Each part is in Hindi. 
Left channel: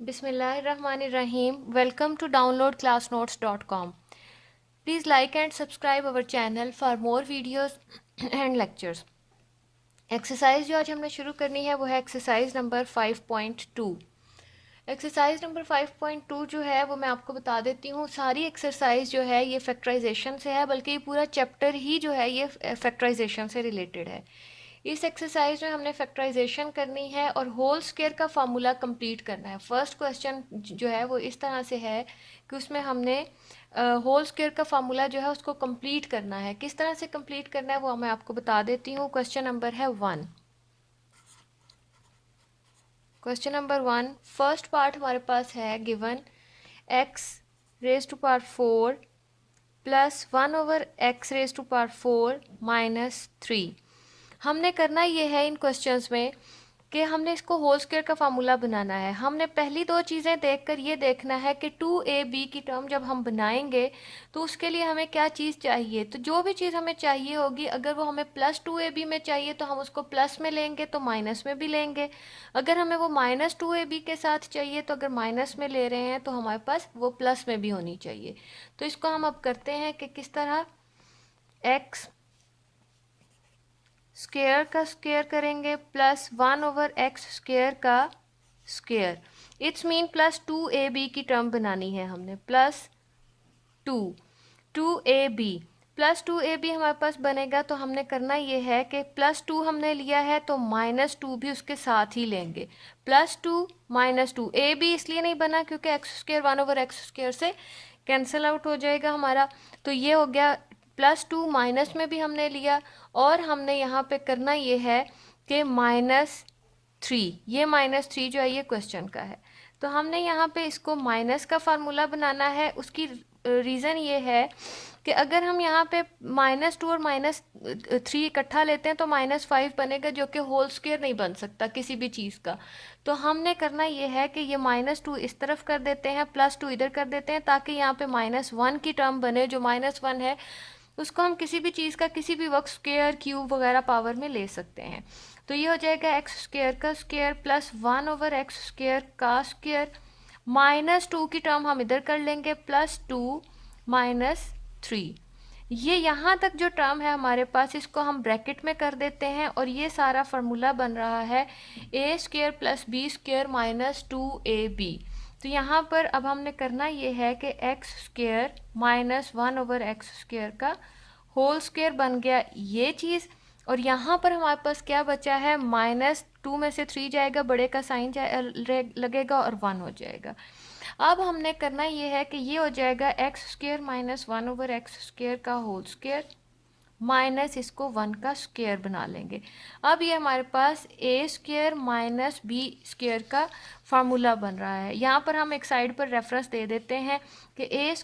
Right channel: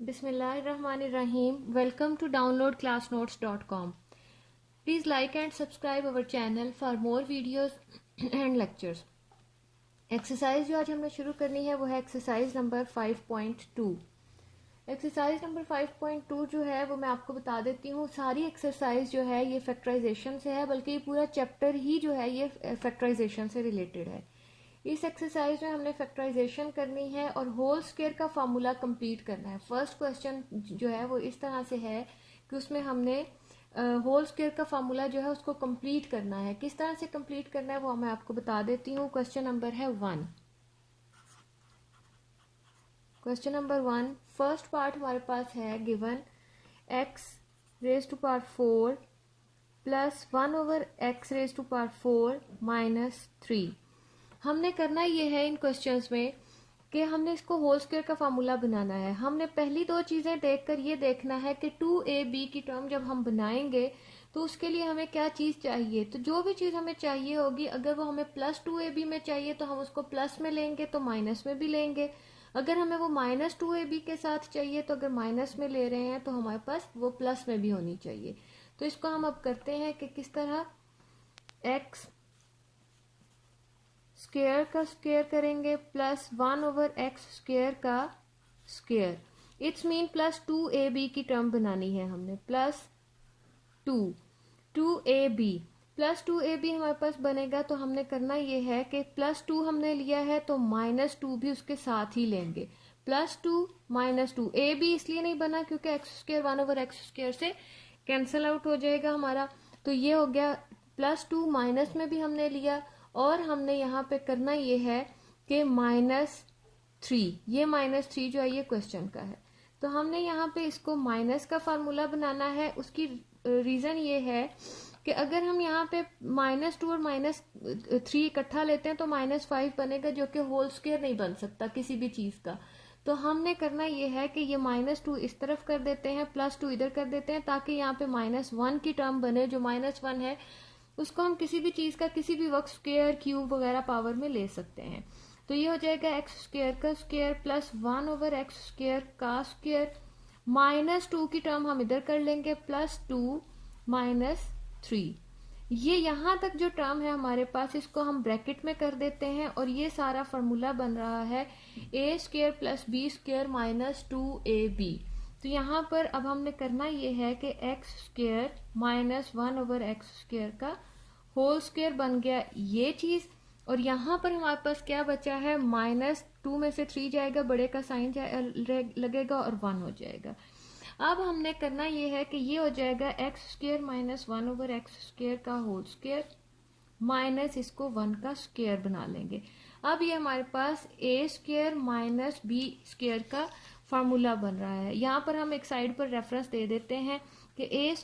Bismillahirrahmanirrahim. Welcome to downloadclassnotes.com. Please like and subscribe our channel for more videos and lectures. Exercise जो आज हमने शुरू करनी है वो है एक्सरसाइज नंबर 5.2। एक्सरसाइज नंबर 5.2 जो है वो मैं आपको बता देती हूँ। सारी एक्सरसाइज जो है ये फैक्टराइजेशन से है, बल्कि ये पूरा चैप्टर ही जो है ये फैक्टराइजेशन से रिलेटेड है। इस एक्सरसाइज में हमने फैक्टराइजेशन करनी है और होल स्क्वायर का फार्मूला कंप्लीट करना है। फर्स्ट क्वेश्चन जो है वो इस तरह से है कि उसमें हमने होल स्क्वायर का फार्मूला जो है उसको कंप्लीट करना है। किस तरह से कंप्लीट करना है वो मैं आपको बता देती हूँ। क्वेश्चन नंबर है 1। क्वेश्चन नंबर 1 फर्स्ट पार्ट हमारे पास है given x raise to power 4 plus 1/x raise to power 4 minus 3। हमने करना ये है इन क्वेश्चंस में कि हमने इसको होल स्क्वायर का फार्मूला बनाना है। हमने पहली दो चीज़ें देखकर ये देखना है कि 2ab की टर्म जब हम बनाएंगे तो उसके लिए हमें क्या चीज़ चाहिए। तो जो भी चीज़ हमें चाहिए होगी, अगर वो हमें प्लस 2ab में चाहिए तो हम उसको प्लस में लेंगे, तो माइनस में भी लेंगे। अगर हमें वो माइनस 2ab के साथ चाहिए तो अगर माइनस में ले रहे हैं तो हमारे पास वो प्लस में भी होनी चाहिए। तो इसको हम अब करते हैं कि किस तरह x स्क्वायर का स्क्वायर करेंगे प्लस 1/x स्क्वायर का square. It's mean plus 2ab की टर्म बनानी है हमने। प्लस 2ab प्लस 2ab हमारे पास बनेगा तो हमने करना ये है कि प्लस 2 हमने लिया है तो माइनस 2 भी उसके साथ ही लेंगे। प्लस 2 माइनस 2 ab इसलिए नहीं बना क्योंकि एक्स स्क्वायर 1/x स्क्वायर से कैंसिल आउट हो जाएगा हमारा। तो ये हो गया प्लस 2, माइनस में भी हमने लिया और हमने यहाँ पे करना ये है कि -3। ये -3 जो है ये क्वेश्चन का है, तो हमने यहाँ पे इसको माइनस का फार्मूला बनाना है। उसकी रीज़न ये है कि अगर हम यहाँ पे -2 और -3 इकट्ठा लेते हैं तो -5 बनेगा, जो कि होल स्क्वायर नहीं बन सकता किसी भी चीज़ का। तो हमने करना ये है कि ये -2 इस तरफ कर देते हैं, +2 इधर कर देते हैं, ताकि यहाँ पे -1 की टर्म बने। जो -1 है उसको हम किसी भी चीज़ का किसी भी वक्त स्क्वायर, क्यूब वगैरह पावर में ले सकते हैं। तो ये हो जाएगा एक्स स्क्वायर का स्क्वायर प्लस 1/x स्क्वायर का स्क्वायर। -2 की टर्म हम इधर कर लेंगे, +2 -3। ये यहाँ तक जो टर्म है हमारे पास, इसको हम ब्रैकेट में कर देते हैं और ये सारा फार्मूला बन रहा है a² + b² - 2ab। तो यहाँ पर अब हमने करना ये है कि x² - 1/x स्क्वायर का होल स्क्वायर बन गया ये चीज़। और यहाँ पर हमारे पास क्या बचा है, -2 में से 3 जाएगा, बड़े का साइन लगेगा और 1 हो जाएगा। अब हमने करना ये है कि ये हो जाएगा x² - 1/x स्क्वायर का होल स्क्वायर माइनस इसको 1 का स्क्वायर बना लेंगे। अब ये हमारे पास a² - b² का फार्मूला बन रहा है। यहाँ पर हम एक साइड पर रेफरेंस दे देते हैं कि a²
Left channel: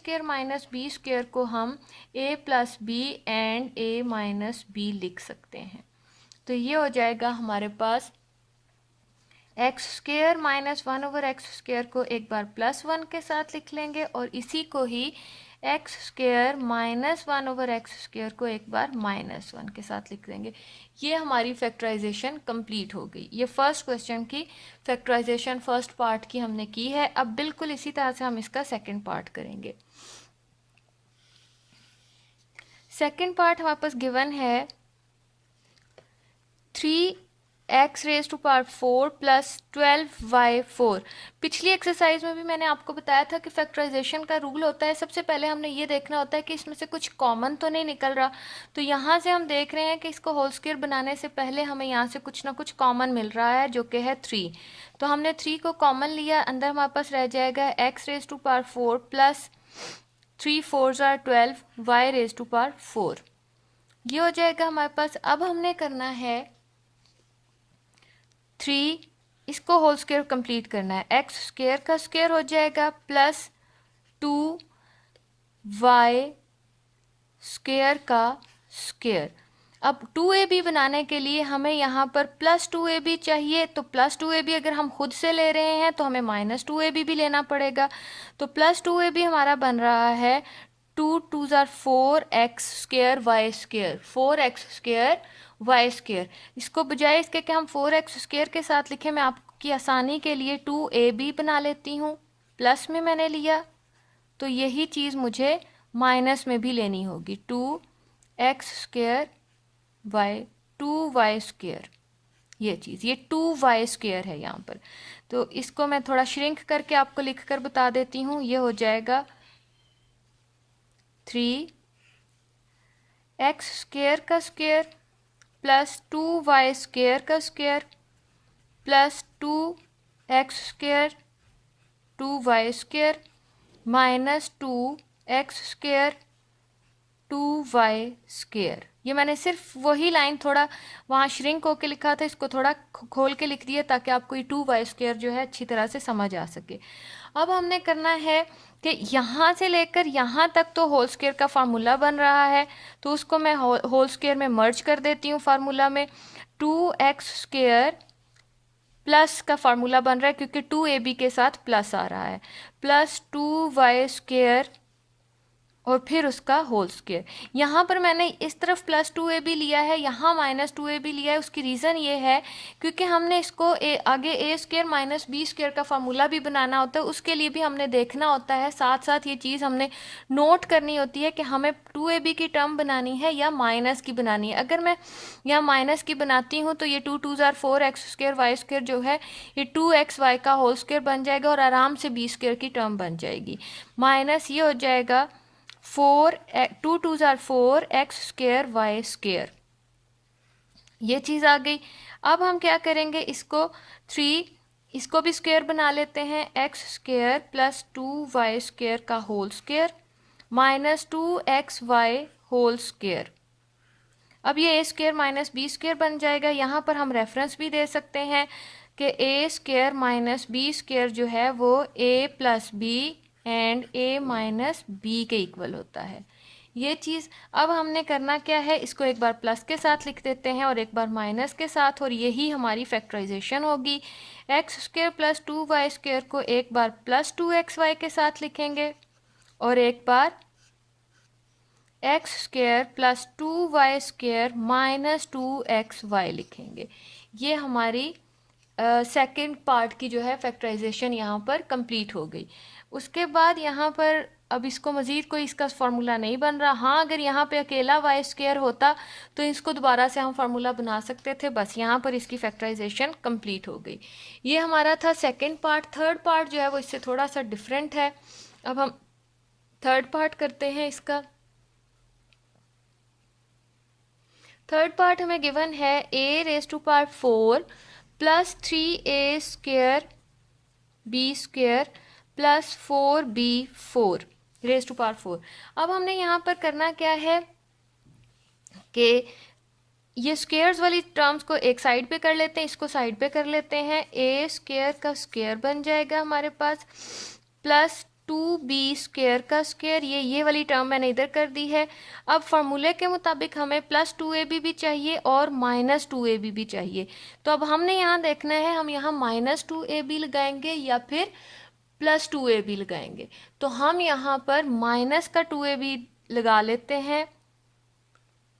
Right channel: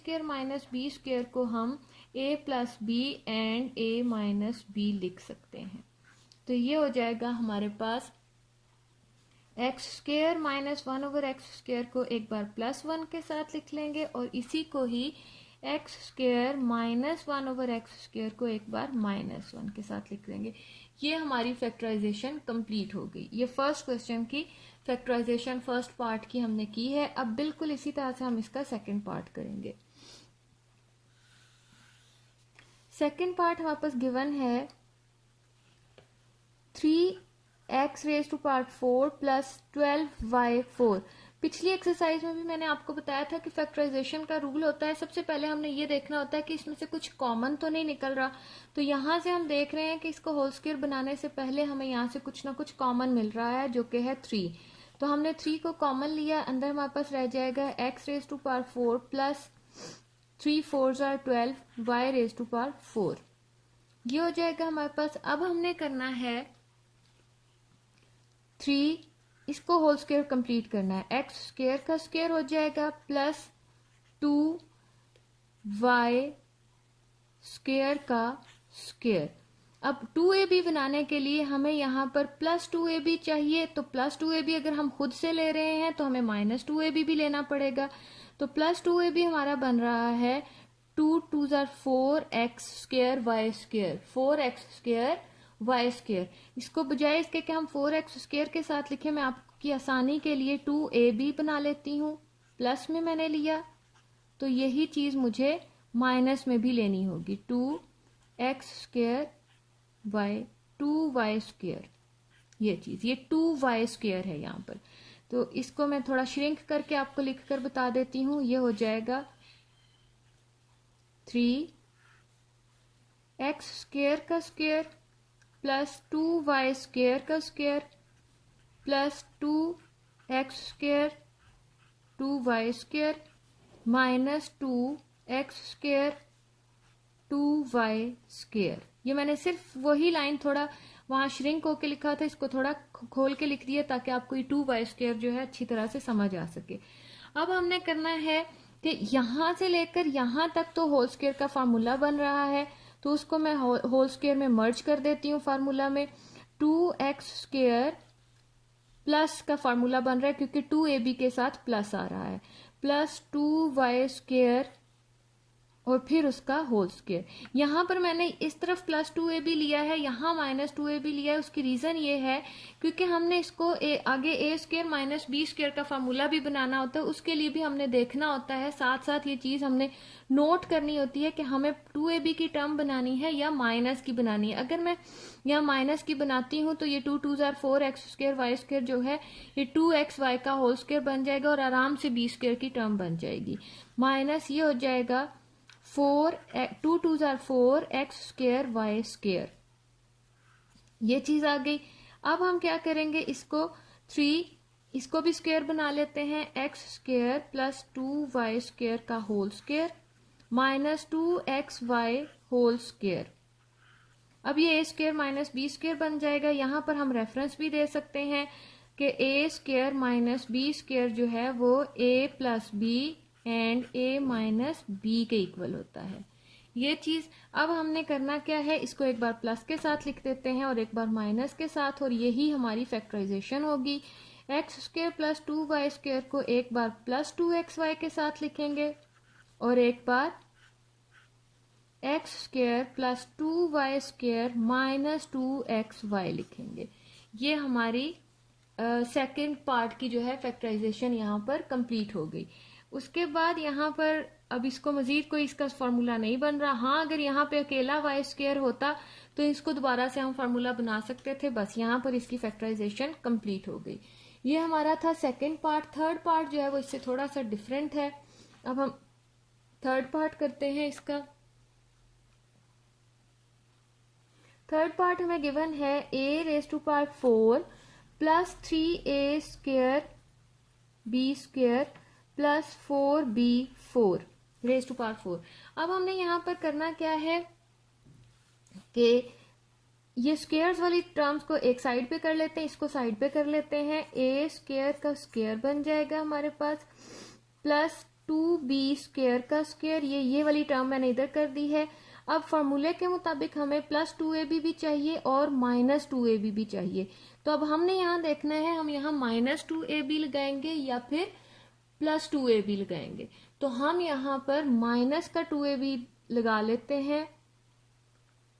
- b² को हम a + b and a - b लिख सकते हैं। तो ये हो जाएगा हमारे पास x² - 1/x स्क्वायर को एक बार +1 के साथ लिख लेंगे और इसी को ही x² - 1/x स्क्वायर को एक बार -1 के साथ लिख देंगे। ये हमारी फैक्टराइजेशन कंप्लीट हो गई। ये फर्स्ट क्वेश्चन की फैक्टराइजेशन फर्स्ट पार्ट की हमने की है। अब बिल्कुल इसी तरह से हम इसका सेकंड पार्ट करेंगे। सेकंड पार्ट हमारे पास गिवन है 3x⁴ प्लस 12y4। पिछली एक्सरसाइज में भी मैंने आपको बताया था कि फैक्टराइजेशन का रूल होता है, सबसे पहले हमने ये देखना होता है कि इसमें से कुछ कॉमन तो नहीं निकल रहा। तो यहाँ से हम देख रहे हैं कि इसको होल स्क्वायर बनाने से पहले हमें यहाँ से कुछ ना कुछ कॉमन मिल रहा है, जो कि है 3। तो हमने 3 को कॉमन लिया, अंदर हमारे पास रह जाएगा x⁴ प्लस 3 4 12 y⁴। ये हो जाएगा हमारे पास। अब हमने करना है 3, इसको होल स्क्वायर कंप्लीट करना है। x² का स्क्वायर हो जाएगा प्लस 2y² का स्क्वायर। अब 2ab बनाने के लिए हमें यहाँ पर +2ab चाहिए, तो +2ab अगर हम खुद से ले रहे हैं तो हमें -2ab भी लेना पड़ेगा। तो +2ab हमारा बन रहा है 2 2 4x² y², 4x² y²। इसको बजाय इसके कि हम 4x² के साथ लिखें, मैं आपको आपकी आसानी के लिए 2ab बना लेती हूँ, प्लस में मैंने लिया तो यही चीज़ मुझे माइनस में भी लेनी होगी, 2x² y 2y², ये चीज़, ये 2y² है यहाँ पर। तो इसको मैं थोड़ा श्रिंक करके आपको लिख कर बता देती हूँ। ये हो जाएगा 3x² का स्क्वायर प्लस 2y² का square plus 2x² 2y² minus 2x² 2y²। ये मैंने सिर्फ वही लाइन थोड़ा वहाँ श्रिंक होके लिखा था, इसको थोड़ा खोल के लिख दिया ताकि आपको ये 2y² जो है अच्छी तरह से समझ आ सके। अब हमने करना है कि यहाँ से लेकर यहाँ तक तो होल स्क्वायर का फार्मूला बन रहा है, तो उसको मैं होल स्क्वायर में मर्ज कर देती हूँ फार्मूला में। 2x² प्लस का फार्मूला बन रहा है क्योंकि 2ab के साथ प्लस आ रहा है, प्लस 2y² और फिर उसका होल स्क्वायर। यहाँ पर मैंने इस तरफ प्लस 2ab लिया है, यहाँ माइनस 2ab लिया है। उसकी रीज़न ये है क्योंकि हमने इसको आगे a² माइनस b² का फार्मूला भी बनाना होता है, उसके लिए भी हमने देखना होता है। साथ साथ ये चीज़ हमने नोट करनी होती है कि हमें 2ab की टर्म बनानी है या माइनस की बनानी है। अगर मैं यहाँ माइनस की बनाती हूँ तो ये 2 2 ज़ार 4x² y² जो है ये 2xy का होल स्क्वायर बन जाएगा और आराम से b² की टर्म बन जाएगी। माइनस ये हो जाएगा 2 2 ज़ार 4x² y², ये चीज़ आ गई। अब हम क्या करेंगे, इसको भी स्क्वायर बना लेते हैं, x² प्लस 2y² का whole square minus 2xy whole square. अब ये a² माइनस b² बन जाएगा। यहाँ पर हम रेफरेंस भी दे सकते हैं कि a² माइनस b² जो है वो a plus b and a minus b के इक्वल होता है, ये चीज़। अब हमने करना क्या है, इसको एक बार प्लस के साथ लिख देते हैं और एक बार माइनस के साथ, और यही हमारी फैक्टराइजेशन होगी। x² प्लस 2y² को एक बार प्लस 2xy के साथ लिखेंगे और एक बार x² plus 2y² minus 2xy लिखेंगे। ये हमारी सेकंड पार्ट की जो है फैक्टराइजेशन यहाँ पर कंप्लीट हो गई। उसके बाद यहाँ पर अब इसको मज़ीद कोई इसका फार्मूला नहीं बन रहा। हाँ, अगर यहाँ पे अकेला y² होता तो इसको दोबारा से हम फार्मूला बना सकते थे, बस यहाँ पर इसकी फैक्टराइजेशन कंप्लीट हो गई। ये हमारा था सेकंड पार्ट। थर्ड पार्ट जो है वो इससे थोड़ा सा डिफरेंट है। अब हम थर्ड पार्ट करते हैं इसका। थर्ड पार्ट हमें गिवन है a⁴ plus 3a² b² plus 4b⁴ अब हमने यहाँ पर करना क्या है कि ये स्क्वेयर्स वाली टर्म्स को एक साइड पे कर लेते हैं, इसको साइड पे कर लेते हैं। a² का स्क्वायर बन जाएगा हमारे पास प्लस 2b² का स्क्वायर, ये वाली टर्म मैंने इधर कर दी है। अब फार्मूले के मुताबिक हमें प्लस 2ab भी चाहिए और माइनस 2ab भी चाहिए। तो अब हमने यहाँ देखना है हम यहाँ माइनस 2ab लगाएंगे या फिर प्लस 2ab लगाएंगे। तो हम यहाँ पर माइनस का 2ab लगा लेते हैं,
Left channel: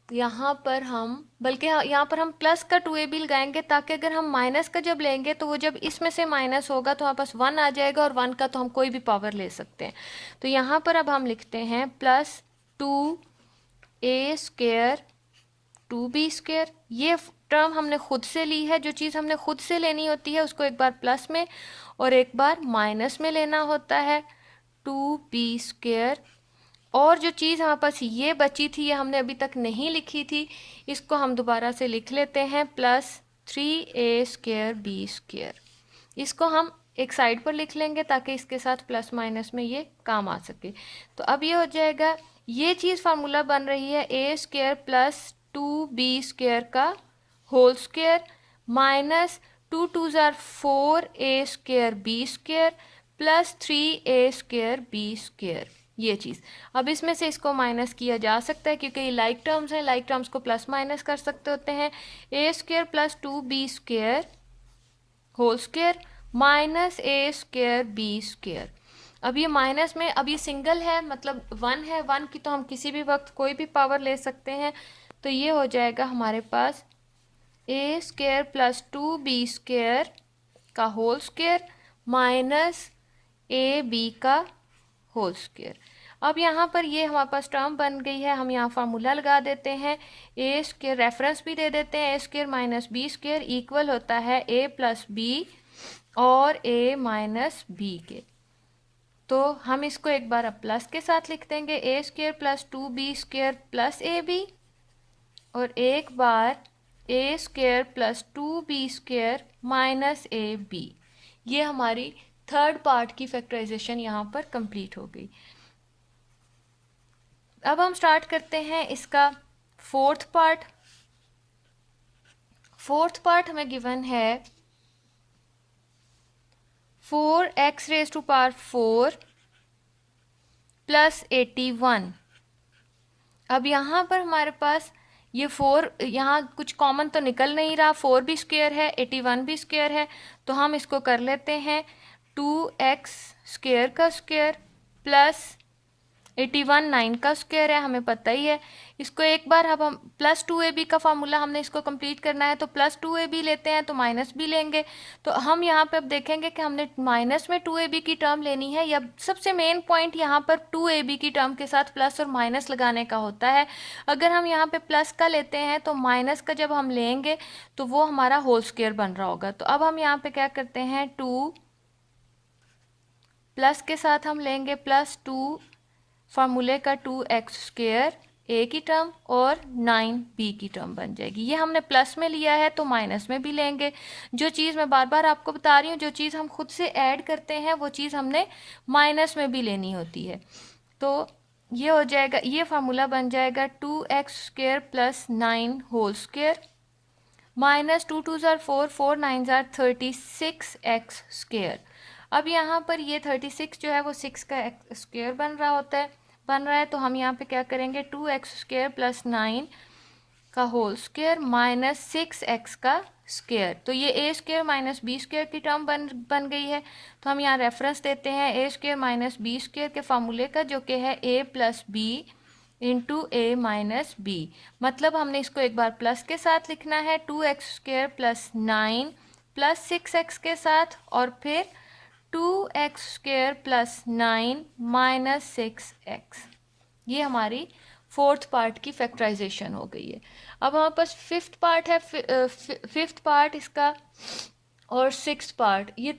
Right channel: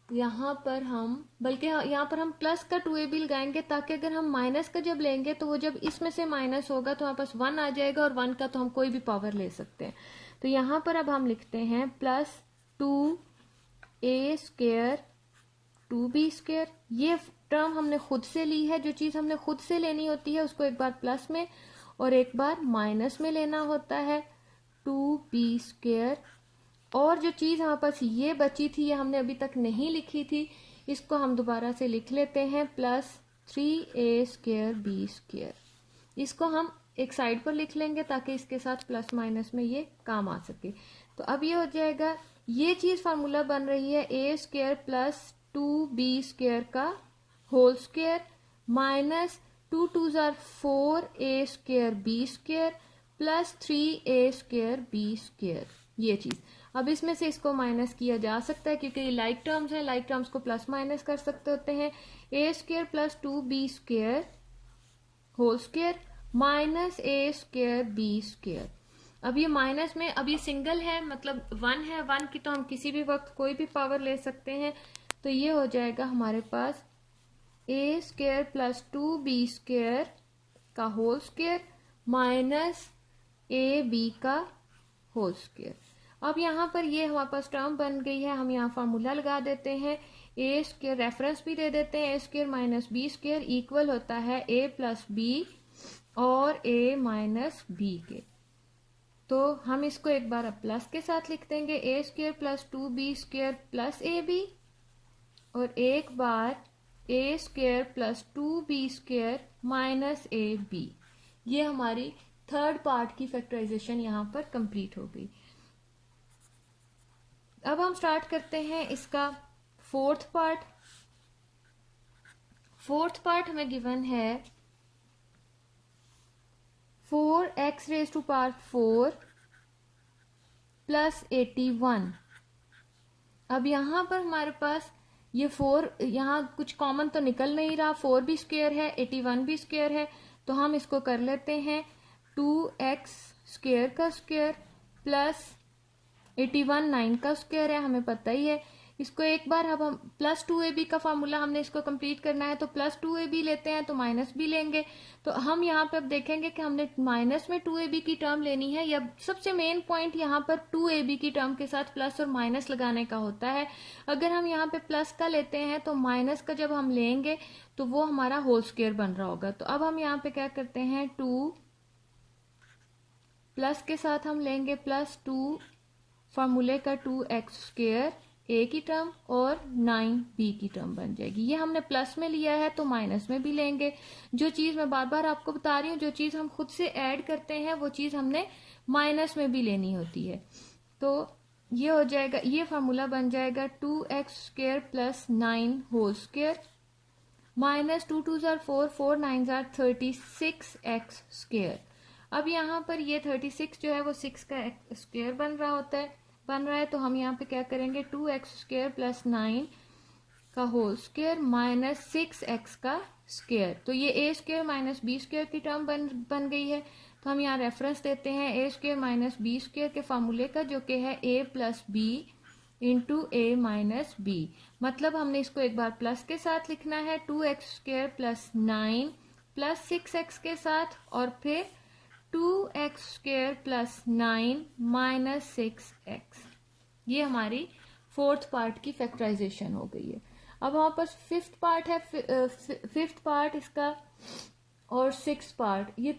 यहाँ पर हम बल्कि यहाँ पर हम प्लस का 2ab लगाएंगे ताकि अगर हम माइनस का जब लेंगे तो वो जब इसमें से माइनस होगा तो हमारे पास 1 आ जाएगा और 1 का तो हम कोई भी पावर ले सकते हैं। तो यहाँ पर अब हम लिखते हैं प्लस 2a² 2b²। ये टर्म हमने खुद से ली है। जो चीज़ हमने खुद से लेनी होती है उसको एक बार प्लस में और एक बार माइनस में लेना होता है, 2b²। और जो चीज़ हमारे पास ये बची थी, ये हमने अभी तक नहीं लिखी थी, इसको हम दोबारा से लिख लेते हैं, प्लस 3a² b²। इसको हम एक साइड पर लिख लेंगे ताकि इसके साथ प्लस माइनस में ये काम आ सके। तो अब ये हो जाएगा, ये चीज़ फार्मूला बन रही है a² प्लस 2b² का होल स्क्वायर माइनस 2 2 ज़ार 4a² b² plus 3a² b², ये चीज़। अब इसमें से इसको माइनस किया जा सकता है क्योंकि ये लाइक टर्म्स हैं, लाइक टर्म्स को प्लस माइनस कर सकते होते हैं। a² plus 2b² whole square minus a² b²। अब ये माइनस में, अब ये सिंगल है मतलब 1 है, 1 की तो हम किसी भी वक्त कोई भी पावर ले सकते हैं। तो ये हो जाएगा हमारे पास a² प्लस 2b² का होल स्क्वायर माइनस ए बी का होल स्क्वायर। अब यहाँ पर ये हमारे पास टर्म बन गई है, हम यहाँ फार्मूला लगा देते हैं, ए स्क्वायर रेफरेंस भी दे देते हैं, a square minus b square equal होता है ए प्लस बी और ए माइनस बी के। तो हम इसको एक बार अब प्लस के साथ लिख देंगे, a square plus 2b square plus a b, और एक बार a square plus 2b square minus A b. ये हमारी थर्ड पार्ट की फैक्टराइजेशन यहाँ पर कंप्लीट हो गई। अब हम स्टार्ट करते हैं इसका फोर्थ पार्ट। फोर्थ पार्ट हमें गिवन है 4x raise to power 4 plus 81। अब यहाँ पर हमारे पास ये 4, यहाँ कुछ कॉमन तो निकल नहीं रहा, 4 भी स्क्वायर है 81 भी स्क्वायर है, तो हम इसको कर लेते हैं 2x स्क्वायर का स्क्वायर प्लस 81 9 का स्क्वायर है, हमें पता ही है। इसको एक बार अब हम प्लस 2ab का फार्मूला हमने इसको कंप्लीट करना है, तो प्लस 2ab लेते हैं तो माइनस भी लेंगे। तो हम यहाँ पे अब देखेंगे कि हमने माइनस में 2ab की टर्म लेनी है, या सबसे मेन पॉइंट यहाँ पर 2ab की टर्म के साथ प्लस और माइनस लगाने का होता है। अगर हम यहाँ पे प्लस का लेते हैं तो माइनस का जब हम लेंगे तो वो हमारा होल स्क्वायर बन रहा होगा। तो अब हम यहाँ पे क्या करते हैं, 2 प्लस के साथ हम लेंगे प्लस 2 फार्मूले का 2x स्क्वायर ए की टर्म और 9b की टर्म बन जाएगी। ये हमने प्लस में लिया है तो माइनस में भी लेंगे। जो चीज़ मैं बार बार आपको बता रही हूँ, जो चीज़ हम खुद से ऐड करते हैं वो चीज़ हमने माइनस में भी लेनी होती है। तो ये हो जाएगा, ये फार्मूला बन जाएगा 2x square plus 9 whole square minus 2 2 ज़ार 4 4 9 ज़ार 36x स्क्वायर। अब यहाँ पर ये 36 जो है वो 6 का स्क्वायर बन रहा है, तो हम यहाँ पे क्या करेंगे, 2x स्क्वायर प्लस 9 का होल स्क्वायर माइनस 6x का स्क्वायर। तो ये ए स्क्वायर माइनस बी स्क्वायर की टर्म बन गई है। तो हम यहाँ रेफरेंस देते हैं a square minus b square के फार्मूले का, जो कि है ए प्लस बी इंटू ए माइनस बी। मतलब हमने इसको एक बार प्लस के साथ लिखना है, 2x square plus 9 plus 6x के साथ, और फिर 2x square plus 9 minus 6x। ये हमारी फोर्थ पार्ट की फैक्टराइजेशन हो गई है। अब हमारे पास फिफ्थ पार्ट है, फिफ्थ पार्ट इसका और सिक्स्थ पार्ट ये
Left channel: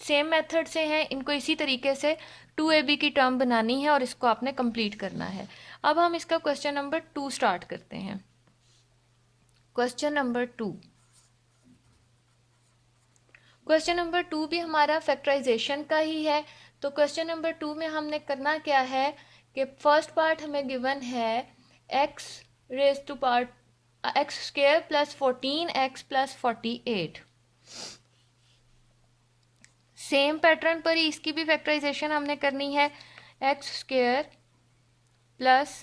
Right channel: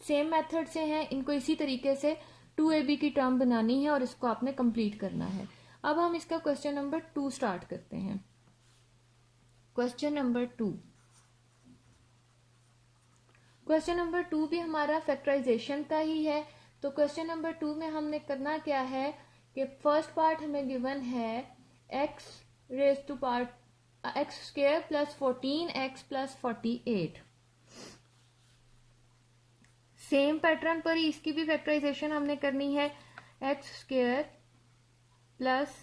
सेम मेथड से हैं। इनको इसी तरीके से 2ab की टर्म बनानी है और इसको आपने कंप्लीट करना है। अब हम इसका क्वेश्चन नंबर 2 स्टार्ट करते हैं। क्वेश्चन नंबर 2, क्वेश्चन नंबर 2 भी हमारा फैक्टराइजेशन का ही है। तो क्वेश्चन नंबर 2 में हमने करना क्या है कि फर्स्ट पार्ट हमें गिवन है x raise to power x square plus 14x plus 48। Same pattern पर ही इसकी भी फैक्टराइजेशन हमने करनी है, x square plus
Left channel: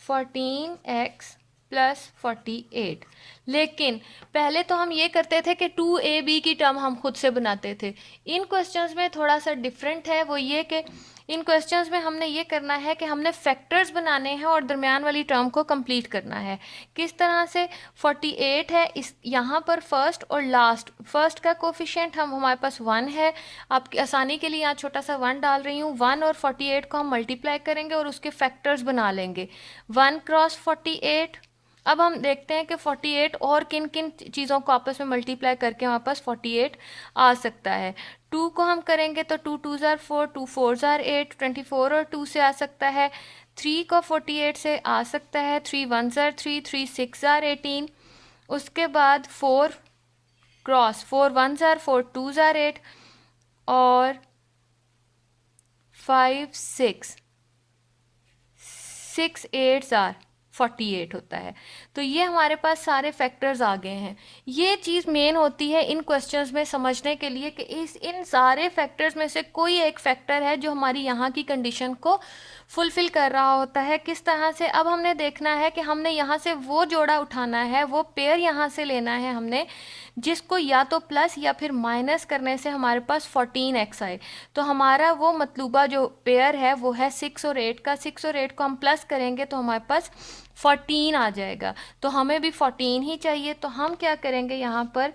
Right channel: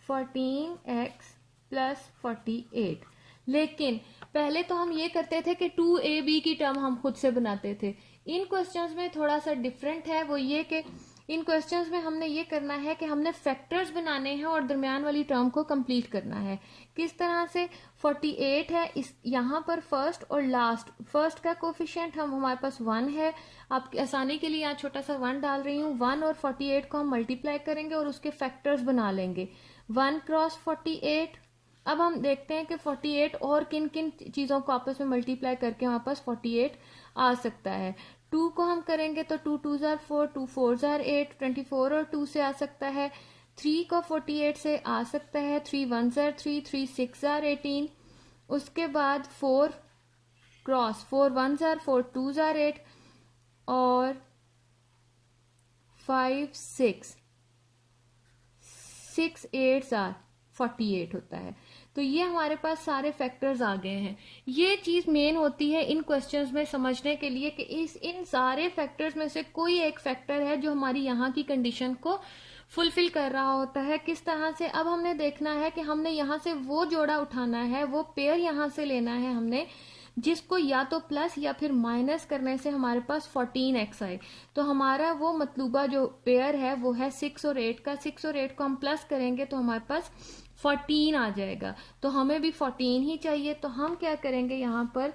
14x plus 48। लेकिन पहले तो हम ये करते थे कि 2ab की टर्म हम खुद से बनाते थे। इन क्वेश्चंस में थोड़ा सा डिफरेंट है, वो ये कि इन क्वेश्चंस में हमने ये करना है कि हमने फैक्टर्स बनाने हैं और दरमियान वाली टर्म को कंप्लीट करना है। किस तरह से, 48 है इस यहाँ पर फर्स्ट और लास्ट, फर्स्ट का कोफिशिएंट हमारे पास 1 है। आपकी आसानी के लिए यहाँ छोटा सा 1 डाल रही हूँ। 1 और 48 को हम मल्टीप्लाई करेंगे और उसके फैक्टर्स बना लेंगे, 1 क्रॉस 48। अब हम देखते हैं कि 48 और किन किन चीज़ों को आपस में मल्टीप्लाई करके हमारे पास 48 आ सकता है। 2 को हम करेंगे तो 2 2 ज़ार 4, 2 4 ज़ार 8, 24 और 2 से आ सकता है। 3 को 48 से आ सकता है, 3 1 ज़ार 3, 3 6 ज़ार 18। उसके बाद 4 क्रॉस 4 1 ज़ार 4, 2 ज़ार 8 और 5 6 6 8 ज़ार 48 होता है। तो ये हमारे पास सारे फैक्टर्स आ गए हैं। ये चीज़ मेन होती है इन क्वेश्चंस में समझने के लिए कि इन सारे फैक्टर्स में से कोई एक फैक्टर है जो हमारी यहाँ की कंडीशन को फुलफिल कर रहा होता है। किस तरह से, अब हमने देखना है कि हमने यहाँ से वो जोड़ा उठाना है, वो पेयर यहाँ से लेना है हमने, जिसको या तो प्लस या फिर माइनस करने से हमारे पास 14x आए। तो हमारा वो मतलूबा जो पेयर है वो है 6 और 8 का। 6 और 8 को हम प्लस करेंगे तो हमारे पास 14 आ जाएगा। तो हमें भी 14 ही चाहिए। तो हम क्या करेंगे, यहाँ पर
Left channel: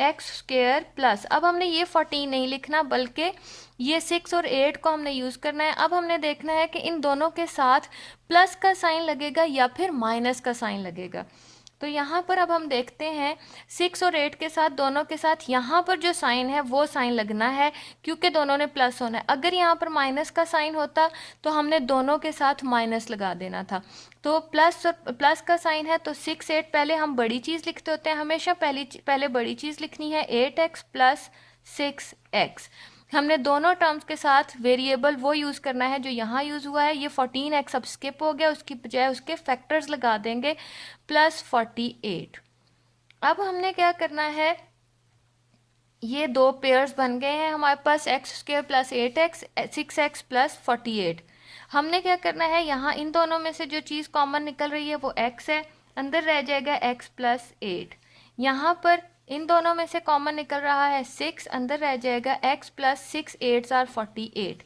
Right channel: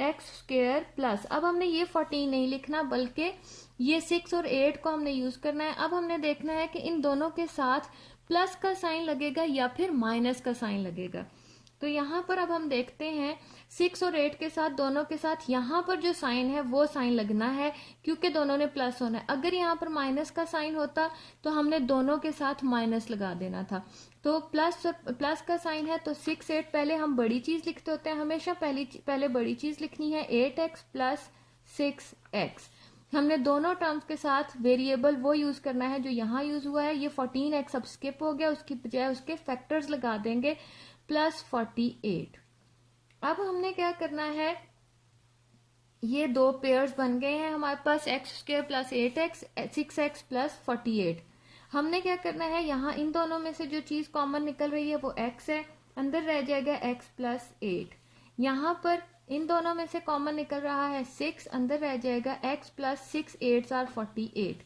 एक्स स्क्वेयर प्लस, अब हमने ये 14 नहीं लिखना बल्कि ये 6 और 8 को हमने यूज़ करना है। अब हमने देखना है कि इन दोनों के साथ प्लस का साइन लगेगा या फिर माइनस का साइन लगेगा। तो यहाँ पर अब हम देखते हैं 6 और 8 के साथ दोनों के साथ यहाँ पर जो साइन है वो साइन लगना है क्योंकि दोनों ने प्लस होना है। अगर यहाँ पर माइनस का साइन होता तो हमने दोनों के साथ माइनस लगा देना था। तो प्लस का साइन है तो 6 8, पहले हम बड़ी चीज़ लिखते होते हैं, हमेशा पहले बड़ी चीज़ लिखनी है 8x प्लस 6x। हमने दोनों टर्म्स के साथ वेरिएबल वो यूज़ करना है जो यहाँ यूज़ हुआ है। ये 14x अब स्किप हो गया, उसकी बजाय उसके फैक्टर्स लगा देंगे प्लस 48। अब हमने क्या करना है, ये दो पेयर्स बन गए हैं हमारे पास, x square plus 8x 6x plus 48। हमने क्या करना है, यहाँ इन दोनों में से जो चीज़ कॉमन निकल रही है वो x है, अंदर रह जाएगा x प्लस 8। यहाँ पर इन दोनों में से कॉमन निकल रहा है 6, अंदर रह जाएगा x प्लस 6 8 आर 48।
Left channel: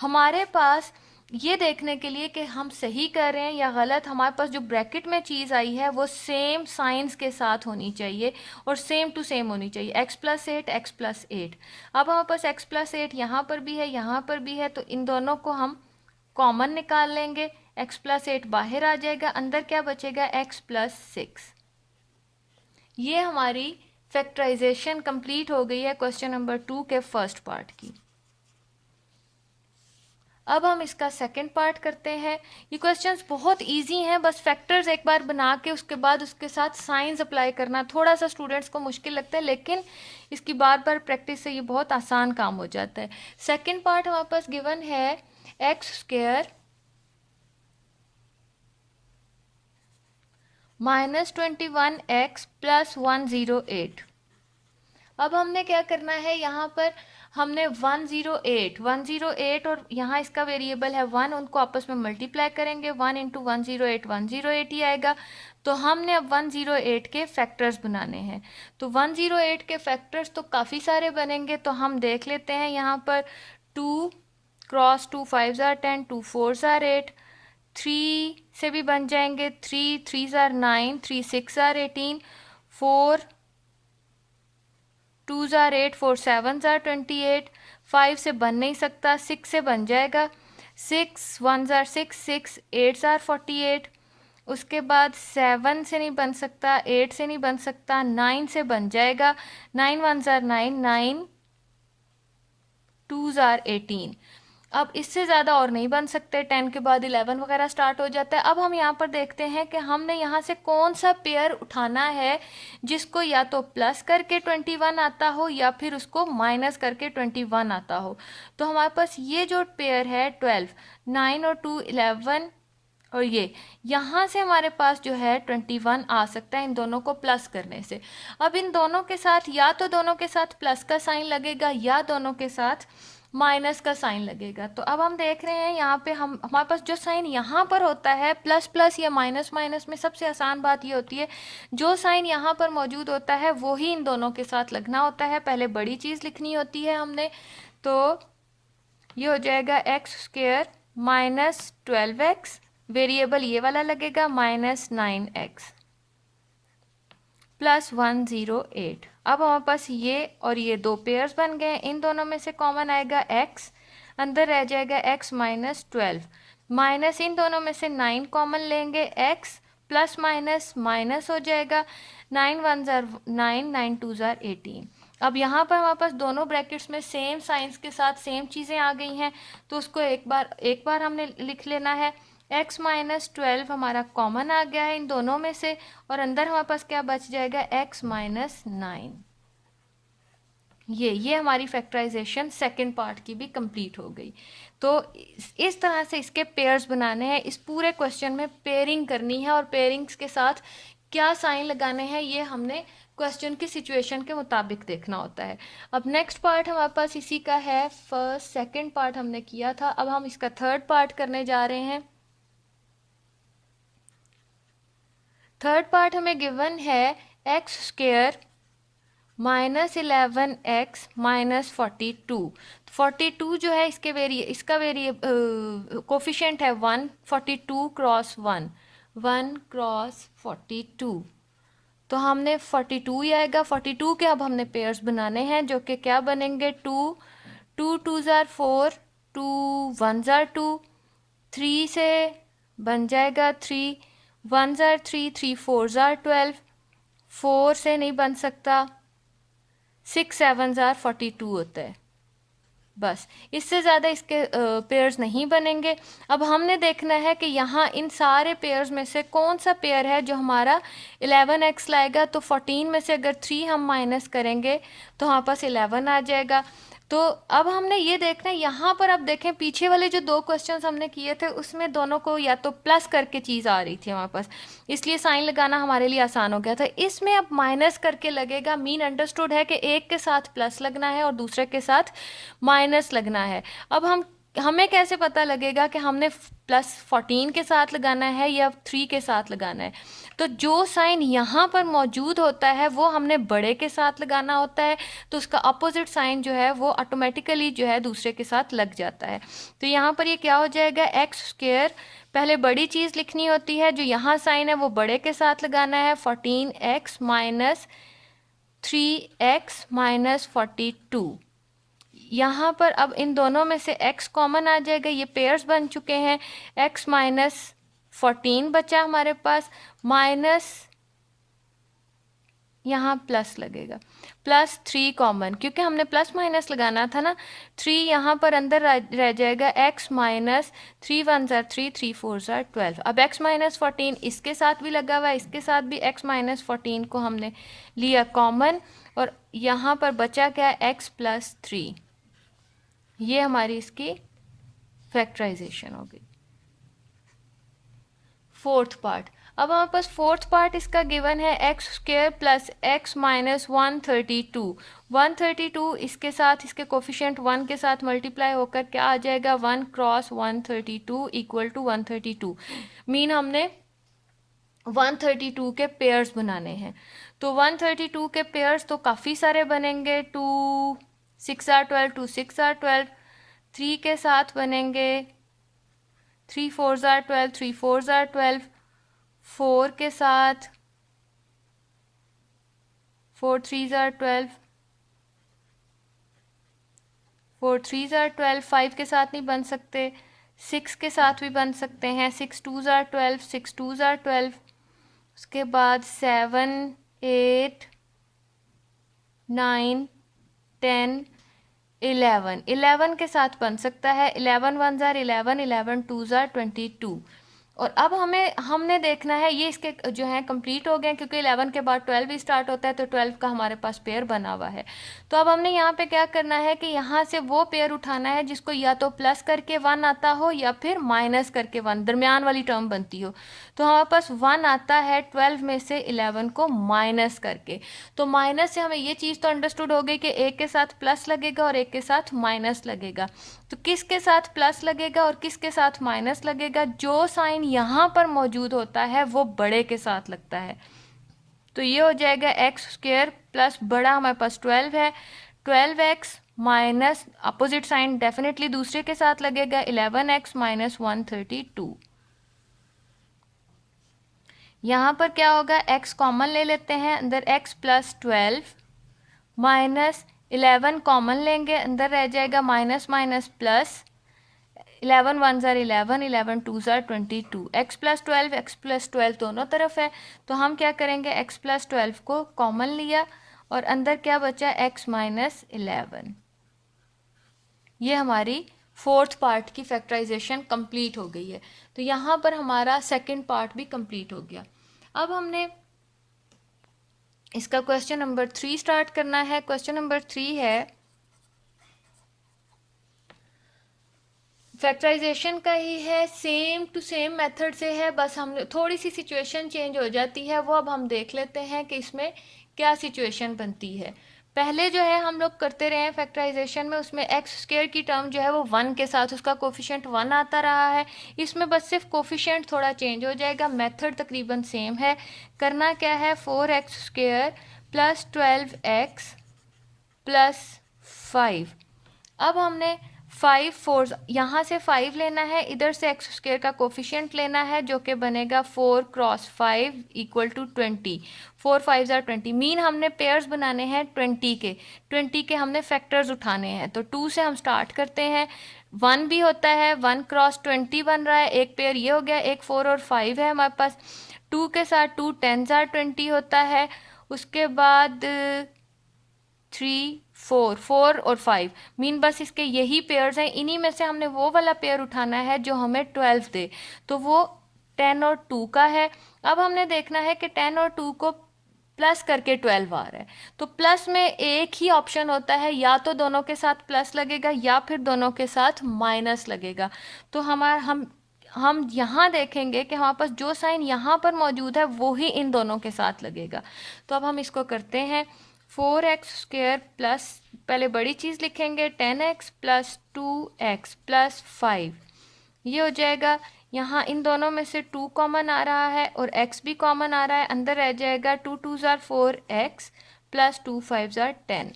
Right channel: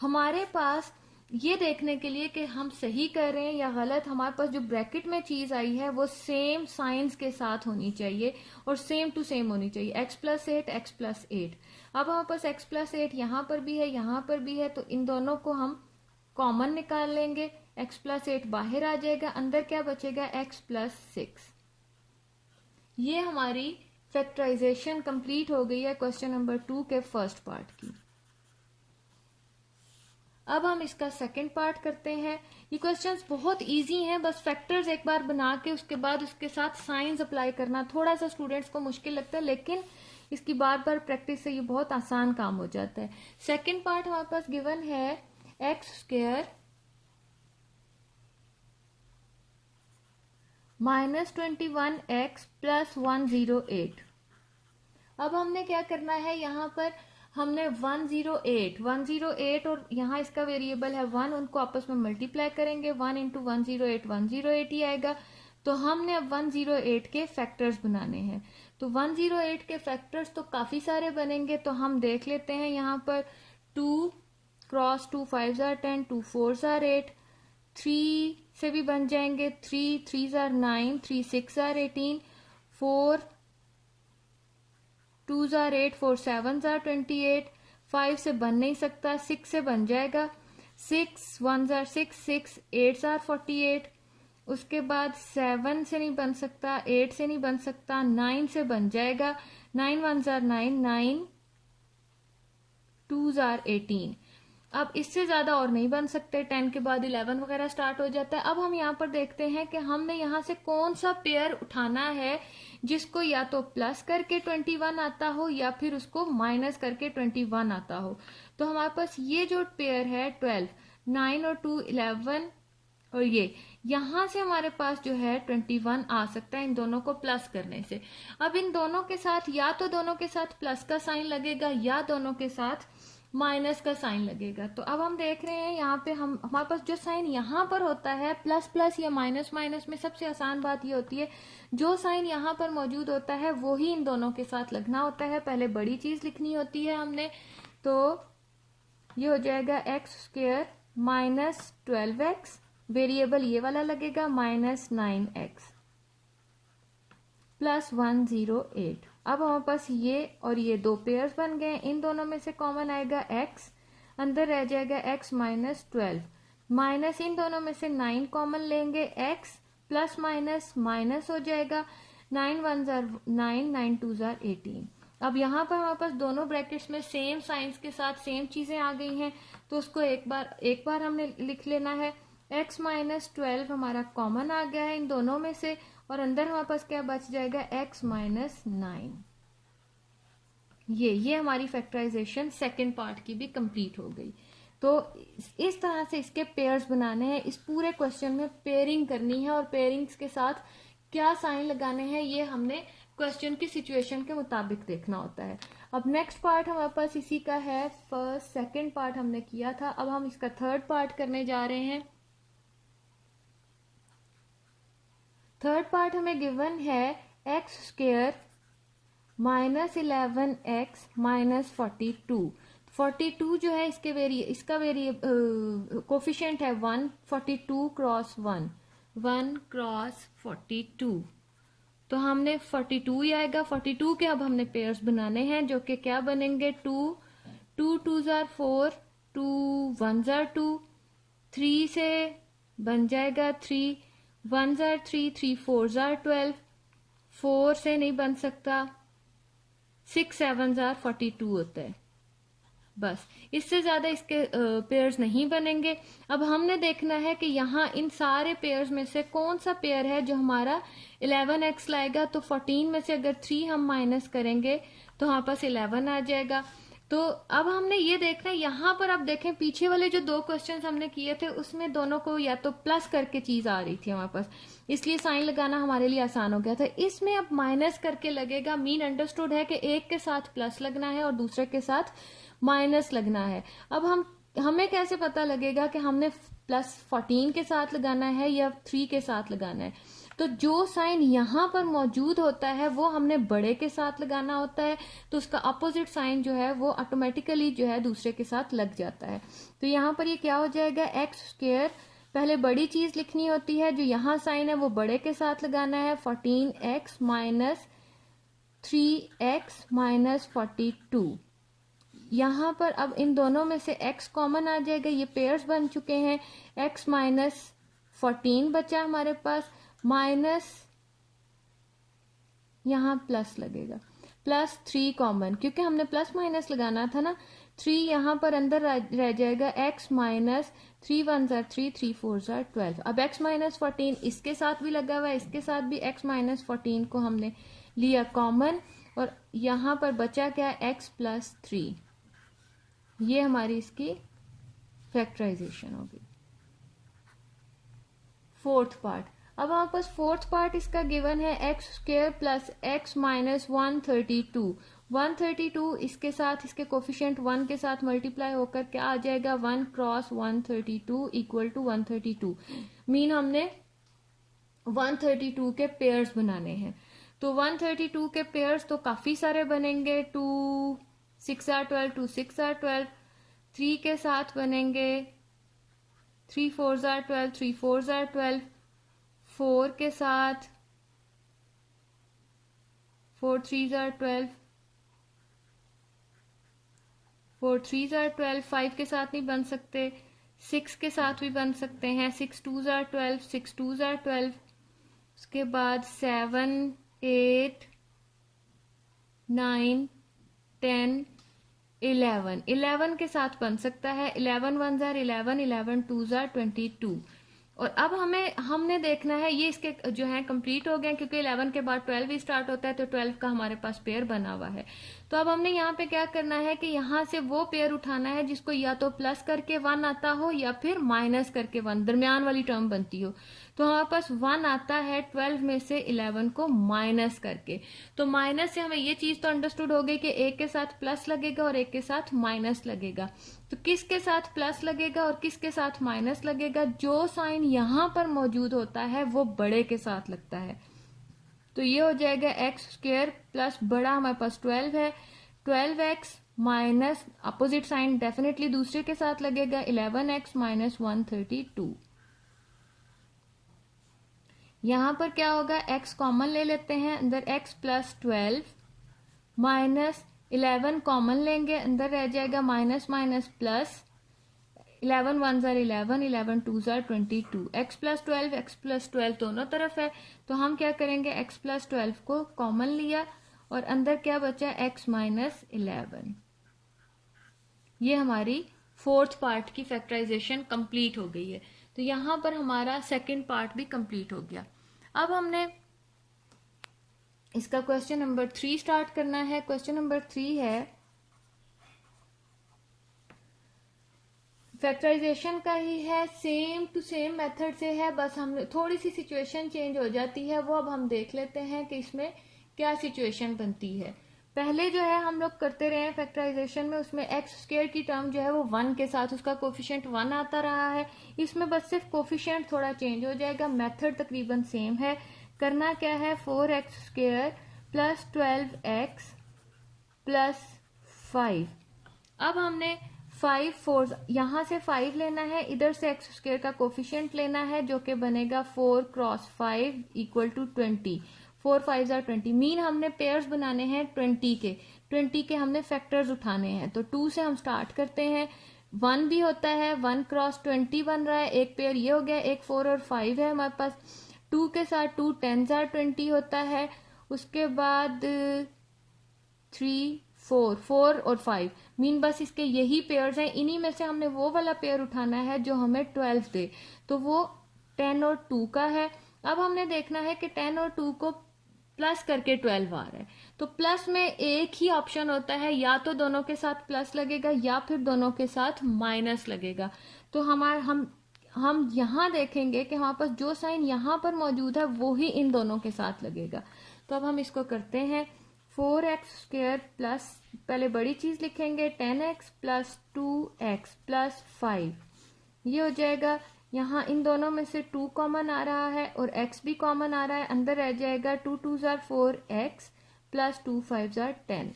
हमारे पास ये देखने के लिए कि हम सही कर रहे हैं या गलत, हमारे पास जो ब्रैकेट में चीज़ आई है वो सेम साइंस के साथ होनी चाहिए और सेम टू सेम होनी चाहिए, x प्लस 8 x प्लस 8। अब हमारे पास x प्लस 8 यहाँ पर भी है यहाँ पर भी है, तो इन दोनों को हम कॉमन निकाल लेंगे, x प्लस 8 बाहर आ जाएगा, अंदर क्या बचेगा x प्लस 6। ये हमारी फैक्टराइजेशन कंप्लीट हो गई है क्वेश्चन नंबर 2 के फर्स्ट पार्ट की। अब हम इसका सेकंड पार्ट करते हैं। ये क्वेश्चंस बहुत इजी हैं, बस फैक्टर्स एक बार बना के उसके बाद उसके साथ साइंस अप्लाई करना थोड़ा सा स्टूडेंट्स को मुश्किल लगता है, लेकिन इसकी बार बार प्रैक्टिस से ये बहुत आसान काम हो जाता है। सेकंड पार्ट हमारे पास गिवन है x square minus 21x plus 108। अब हमने क्या करना है, यहाँ पर हमने 108 और यहाँ इसका वेरिएबल है 1, उनको आपस में मल्टीप्लाई करेंगे, 1 इंटू 108 108 ही आएगा। तो हमने अब 108 के फैक्टर्स बनाने हैं। तो 108 के फैक्टर्स तो काफ़ी सारे बनेंगे, तो हम देख लेते हैं। यहाँ पर 2 क्रॉस 2 5 आर 10, 2 4 आर 8, 3 से भी बन जाएंगे, 3 3 आर 9, 3 6 आर 18, 4 2 आर 8, 4 7 आर 28, 5 से बन नहीं सकता, 6 से बन जाएगा, 6 1 आर 6, 6 8 आर 48। उसके बाद 7 से नहीं बन सकता, 8 से नहीं बन सकता, 9 से बन जाएगा, 9 1 आर 9, 9 2 आर 18। अब इससे ज़्यादा और नहीं बन सकते, 10 के बाद 11 वगैरह स्टार्ट हो जाता है। अब हम यहाँ पर देखते हैं कि हमने यहाँ से कौन सा पेयर उठाना है जिसको या तो प्लस करके 21 आता हो या फिर उसको माइनस करके 21 आता हो। तो हमारे पास ये जो पेयर है 12, 9 और 2 11, और ये यहाँ से हमारे पास जो है 21 आ सकता है इन दोनों को प्लस करने से। अब इन दोनों के साथ या तो दोनों के साथ प्लस का साइन लगेगा या दोनों के साथ माइनस का साइन लगेगा। तो अब हम देख रहे हैं यहाँ पे हमारे पास जो साइन यहाँ पर होता है प्लस प्लस या माइनस माइनस में, सबसे आसान बात ये होती है जो साइन यहाँ पर मौजूद होता है वो ही इन दोनों के साथ लगना होता है। पहले बड़ी चीज़ लिखनी होती है हमने, तो ये हो जाएगा x square minus 12x, variable ये वाला लगेगा माइनस 9x प्लस 108। अब हमारे पास ये और ये दो पेयर्स बन गए, इन दोनों में से कॉमन आएगा x, अंदर रह जाएगा x माइनस 12, माइनस इन दोनों में से 9 कॉमन लेंगे, x प्लस माइनस माइनस हो जाएगा, 9 1 जार 9, 9 2 जार 18। अब यहाँ पर हमारे पास दोनों ब्रैकेट्स में सेम साइंस के साथ सेम चीज़ें आ गई हैं, तो उसको एक बार हमने लिख लेना है। x माइनस 12 हमारा कॉमन आ गया है इन दोनों में से, और अंदर हमारे पास क्या बच जाएगा x माइनस 9। ये हमारी फैक्टराइजेशन सेकंड पार्ट की भी कंप्लीट हो गई। तो इस तरह से इसके पेयर्स बनाने हैं। इस पूरे क्वेश्चन में पेयरिंग करनी है और पेयरिंग्स के साथ क्या साइन लगाने हैं ये हमने क्वेश्चन की सिचुएशन के मुताबिक देखना होता है। अब नेक्स्ट पार्ट हमारे पास इसी का है, फर्स्ट सेकंड पार्ट हमने किया था, अब हम इसका थर्ड पार्ट करने जा रहे हैं। थर्ड पार्ट हमें गिवन है x square minus 11x minus 42। 42 जो है इसका कोफिशिएंट है 1, 42 क्रॉस 1, 1 क्रॉस 42। तो हमने 42 ही आएगा। 42 के अब हमने पेयर्स बनाने हैं जो कि क्या बनेंगे, 2 2 2 ज़ार 4, 2 1 ज़ार 2, 3 से बन जाएगा 3, 1 ज़ार 3, 3 4 ज़ार 12, 4 से नहीं बन सकता, 6 7 ज़ार 42 होता है। बस इससे ज़्यादा इसके पेयर्स नहीं बनेंगे। अब हमने देखना है कि यहाँ इन सारे पेयर्स में से कौन सा पेयर है जो हमारा 11x लाएगा। तो 14 में से अगर 3 हम माइनस करेंगे तो हमारे पास 11 आ जाएगा। तो अब हमने ये देखना है, यहाँ पर अब देखें पीछे वाले जो 2 क्वेश्चंस हमने किए थे उसमें दोनों को या तो प्लस करके चीज़ आ रही थी हमारे पास, इसलिए साइन लगाना हमारे लिए आसान हो गया था। इसमें अब माइनस करके लगेगा। मीन अंडरस्टूड है कि एक के साथ प्लस लगना है और दूसरे के साथ माइनस लगना है। अब हमें कैसे पता लगेगा कि हमने प्लस 14 के साथ लगाना है या 3 के साथ लगाना है। तो जो साइन यहाँ पर मौजूद होता है वो हमने बड़े के साथ लगाना होता है, तो उसका अपोजिट साइन जो है वो ऑटोमेटिकली जो है दूसरे के साथ लग जाता है। तो यहाँ पर ये क्या हो जाएगा, एक्स स्क्वायर, पहले बड़ी चीज़ लिखनी होती है, जो यहाँ साइन है वो बड़े के साथ लगाना है, 14x माइनस 3x माइनस 42। यहाँ पर अब इन दोनों में से x कॉमन आ जाएगा, ये पेयर्स बन चुके हैं। x माइनस 14 बचा हमारे पास, माइनस यहाँ प्लस लगेगा, प्लस 3 कॉमन, क्योंकि हमने प्लस माइनस लगाना था ना। 3 यहाँ पर अंदर रह जाएगा, x माइनस 3 1 ज़ार 3, 3 4 ज़ार 12। अब x माइनस 14 इसके साथ भी लगा हुआ है, इसके साथ भी x माइनस 14 को हमने लिया कॉमन, और यहाँ पर बचा क्या, x प्लस 3। ये हमारी इसकी फैक्टराइजेशन हो गई। फोर्थ पार्ट, अब हमारे पास फोर्थ पार्ट इसका गिवन है, x square plus x minus 132। 132 इसके साथ, इसके कोफिशिएंट 1 के साथ मल्टीप्लाई होकर क्या आ जाएगा, 1 क्रॉस 132 इक्वल टू 132। मीन हमने 132 के पेयर्स बनाने हैं। तो 132 के पेयर्स तो काफ़ी सारे बनेंगे, 2 6 आर 12, 2 6 आर 12, 3 के साथ बनेंगे, 3 4 ज़ार 12, 3 4 ज़ार 12, 4 के साथ 4 3 ज़ार 12, 4 3 ज़ार 12, 5 के साथ नहीं बन सकते, 6 के साथ भी बन सकते हैं, 6 2 ज़ार 12, 6 2 ज़ार 12, उसके बाद 7 8 9 10 11, 11 के साथ बन सकता है, 11 1 ज़ार 11, 11 2 ज़ार 22। और अब हमने देखना है, ये इसके जो है कंप्लीट हो गए, क्योंकि 11 के बाद 12 भी स्टार्ट होता है, तो 12 का हमारे पास पेयर बना हुआ है। तो अब हमने यहाँ पे क्या करना है कि यहाँ से वो पेयर उठाना है जिसको या तो प्लस करके 1 आता हो या फिर माइनस करके 1, दरमियान वाली टर्म बनती हो। तो हमारे पास 1 आता है 12 में से 11 को माइनस करके। तो माइनस से हमें ये चीज़ तो अंडरस्टूड हो गई कि एक के साथ प्लस लगेगा और एक के साथ माइनस लगेगा। तो किसके साथ प्लस लगेगा और किसके साथ माइनस लगेगा, जो साइन यहाँ पर मौजूद होता है वो बड़े के साथ लगता है। तो ये हो जाएगा एक्स स्क्वायर प्लस बड़ा हमारे पास 12 है, 12x minus opposite sign definitely दूसरे के साथ लगेगा, 11x माइनस 132। यहाँ पर क्या होगा, x कॉमन ले लेते हैं, अंदर x प्लस 12 माइनस 11 कॉमन लेंगे, अंदर रह जाएगा माइनस माइनस प्लस, 11 1 ज़ार 11, 11 2 ज़ार 22, x प्लस 12 दोनों तरफ है। तो हम क्या करेंगे, x प्लस 12 को कॉमन लिया और अंदर क्या बचा, x माइनस 11। ये हमारी फोर्थ पार्ट की फैक्टराइजेशन कंप्लीट हो गई है। तो यहाँ पर हमारा सेकंड पार्ट भी कंप्लीट हो गया। अब हमने इसका क्वेश्चन नंबर 3 स्टार्ट करना है। क्वेश्चन नंबर 3 है, फैक्टराइजेशन का ही है, सेम टू सेम मेथड से है, बस हमने थोड़ी सी सिचुएशन चेंज हो जाती है, वो अब हम देख लेते हैं कि इसमें क्या सिचुएशन बनती है। पहले जो है हम लोग करते रहे हैं फैक्टराइजेशन में, उसमें एक्स स्क्वायर की टर्म जो है वो 1 के साथ उसका कोफिशिएंट 1 आता रहा है। इसमें बस सिर्फ कोफिशिएंट थोड़ा चेंज हो जाएगा, मेथड तकरीबन सेम है। करना क्या है, 4x square plus 12x plus 5। अब हमने 5 4 यहाँ से 5 लेना है, इधर से एक्स स्क्वायर का कोफिशिएंट लेना है जो कि बनेगा 4 क्रॉस 5 इक्वल टू 20। 4 5 20। मीन हमने पेयर्स बनाने हैं 20 के हमने फैक्टर्स उठाने हैं। तो 2 से हम स्टार्ट करते हैं। 1 भी होता है, 1 क्रॉस 20 बन रहा है, एक पेयर ये हो गया। एक 4 और 5 है हमारे पास। 2 के साथ 2 10 20 होता है। उसके बाद 3 4 और 5, मीन बस इसके यही पेयर्स हैं। इन्हीं में से हमने वो वाला पेयर उठाना है जो हमें 12 दे। तो वो 10 और 2 का है। अब हमने देखना है कि 10 और 2 को प्लस करके 12 आ रहा है। तो प्लस में एक ही ऑप्शन होता है, या तो दोनों के साथ प्लस लगेगा या फिर दोनों के साथ माइनस लगेगा। तो हम यहाँ देखेंगे कि हमारे पास जो साइन यहाँ पर मौजूद है वो ही इन दोनों के साथ लगेगा। तो अब हम इसको करते हैं। 4x² प्लस, पहले बड़ी चीज़ लिखेंगे, 10x प्लस 2x प्लस 5, ये हो जाएगा। यहाँ इन दोनों में से 2 कॉमन आ रहा है और x भी कॉमन आ रहा है, अंदर रह जाएगा 2 2 4x प्लस 2 5 10।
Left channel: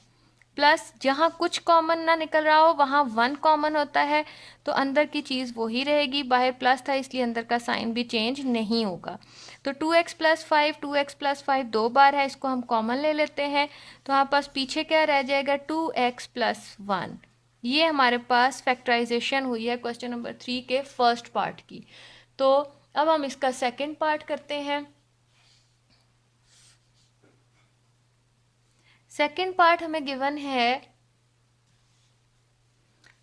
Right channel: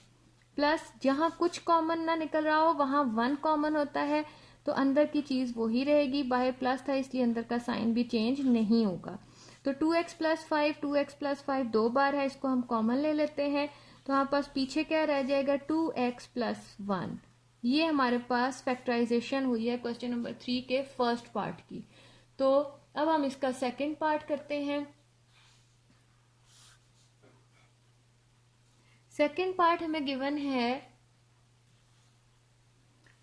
प्लस जहाँ कुछ कॉमन ना निकल रहा हो वहाँ 1 कॉमन होता है, तो अंदर की चीज़ वही रहेगी। बाहर प्लस था इसलिए अंदर का साइन भी चेंज नहीं होगा। तो 2x प्लस 5, 2x प्लस 5 2 बार है, इसको हम कॉमन ले लेते हैं। तो हमारे पास पीछे क्या रह जाएगा, 2x प्लस 1। ये हमारे पास फैक्टराइजेशन हुई है क्वेश्चन नंबर 3 के फर्स्ट पार्ट की। तो अब हम इसका सेकंड पार्ट करते हैं। सेकंड पार्ट हमें गिवन है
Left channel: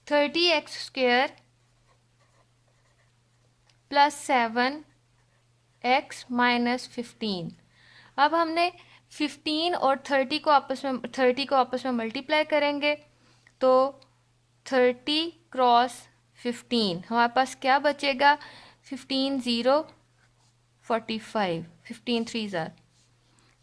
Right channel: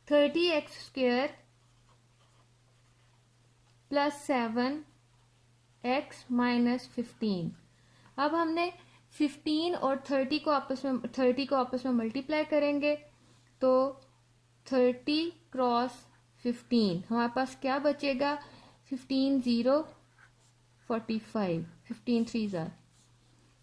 30x² प्लस 7x माइनस 15। अब हमने 15 और 30 को आपस में मल्टीप्लाई करेंगे। तो 30 क्रॉस 15 हमारे पास क्या बचेगा, 15 0 45, 15 3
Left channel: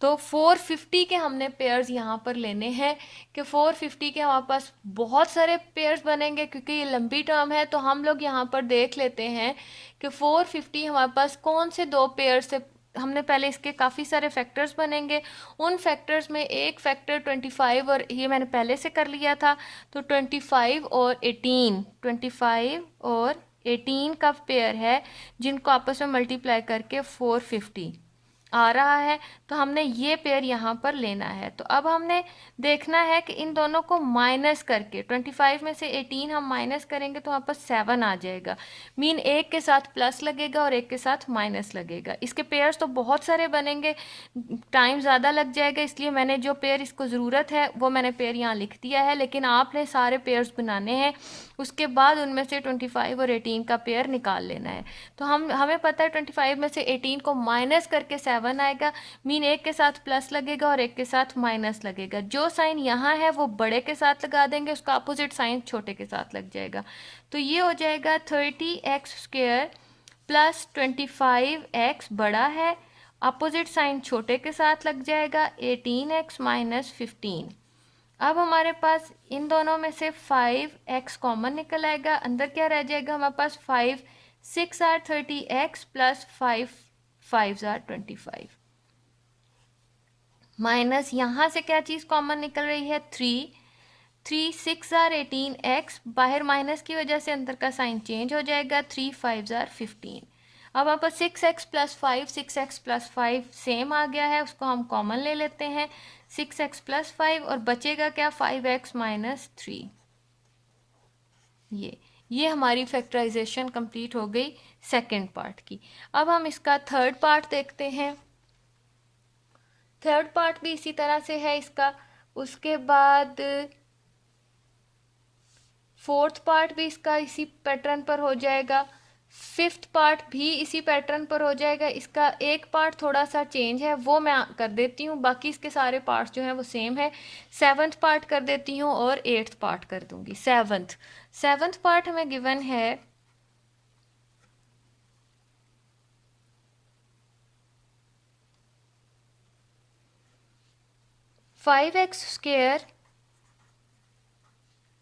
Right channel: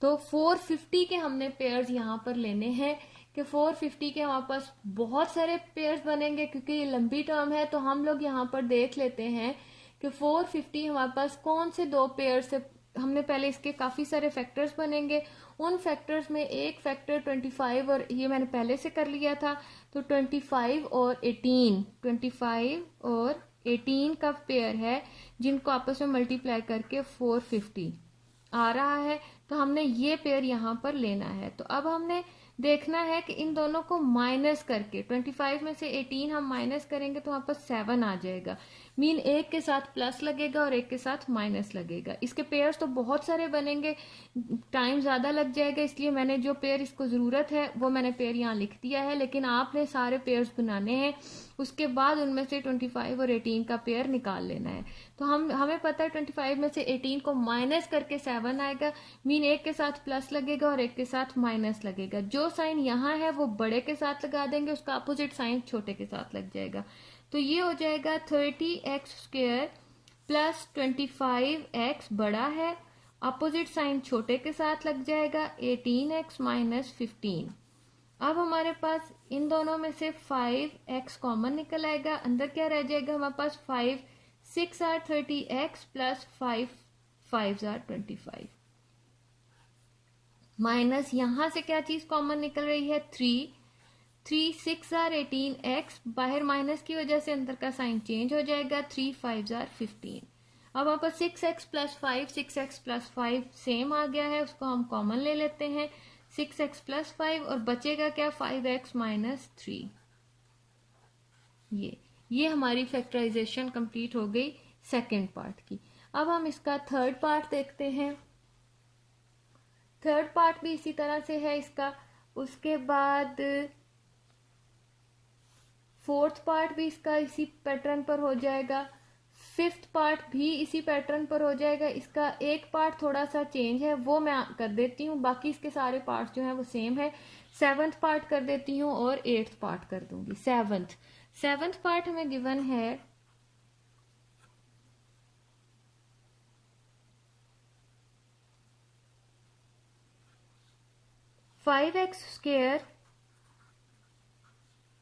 तो 450 के हमने पेयर्स यहाँ पर लेने हैं कि 450 के हमारे पास बहुत सारे पेयर्स बनेंगे क्योंकि ये लंबी टर्म है। तो हम लोग यहाँ पर देख लेते हैं कि 450 हमारे पास कौन से दो पेयर्स से, हमने पहले इसके काफ़ी सारे फैक्टर्स बनेंगे। उन फैक्टर्स में एक फैक्टर 25, और ये मैंने पहले से कर लिया था। तो 25 और 18, 25 और 18 का पेयर है जिनको आपस में मल्टीप्लाई करके 450 आ रहा है। तो हमने ये पेयर यहाँ पर लेना है। तो अब हमने देखना है कि इन दोनों को माइनस करके 25 में से 18 हम माइनस करेंगे तो वहाँ पर 7 आ जाएगा। मीन एक के साथ प्लस लगेगा और एक के साथ माइनस लगेगा। इसके पेयर्स तो बहुत सारे बनेंगे, टाइम ज़्यादा लग जाएगा, इसलिए मैंने जो पेयर इसको ज़रूरत है वो मैंने पेयर यहाँ लिख दिया है। लेकिन आपने सारे पेयर्स बनाने हैं, उसके बाद उनमें से 25 और 18 का पेयर निकाल लेना है। तो हमें पता है 25 में से 18 को माइनस करके 7 आएगा। मीन एक के साथ प्लस लगेगा और एक के साथ माइनस लगेगा। जो साइन यहाँ है वो बड़े के साथ लगा देंगे, उसका अपोजिट साइन छोटे के साथ लग जाएगा। तो ये हो जाएगा 30x² प्लस 25x बड़ा है, अपोजिट साइन छोटे के साथ लग जाएगा, 18x माइनस 15। अब हमारे पास इन दोनों में से 5x कॉमन निकल आएगा, अंदर क्या रह जाएगा हमारे पास 5 6 are 30x plus 5 5 are 25 minus यहाँ से क्या चीज़ कॉमन निकल रही है 3 6 are 18x, बाहर माइनस की वजह से अंदर का साइन चेंज हो जाएगा, 3 5 are 15। अब वहाँ पर 6x plus 5 6x plus 5 same आ गया है, उसको हम कॉमन ले लेते हैं, 6x प्लस 5 और बचेगा क्या 5x माइनस 3। ये हमारी फैक्टराइजेशन कंप्लीट हो गई सेकंड पार्ट की। अब हम इसका थर्ड पार्ट देखते हैं। थर्ड पार्ट भी इसी तरह से है इसका। उसके बाद फोर्थ पार्ट भी इसका इसी पैटर्न पर हो जाएगा। फिफ्थ पार्ट भी इसी पैटर्न पर हो जाएगा। इसका एक पार्ट थोड़ा सा चेंज है, वो मैं कर देती हूँ, बाकी इसके सारे पार्ट्स जो हैं वो सेम है। सेवन्थ पार्ट कर देती हूँ और एट्थ पार्ट कर दूंगी। सेवन्थ पार्ट हमें गिवन है 5x²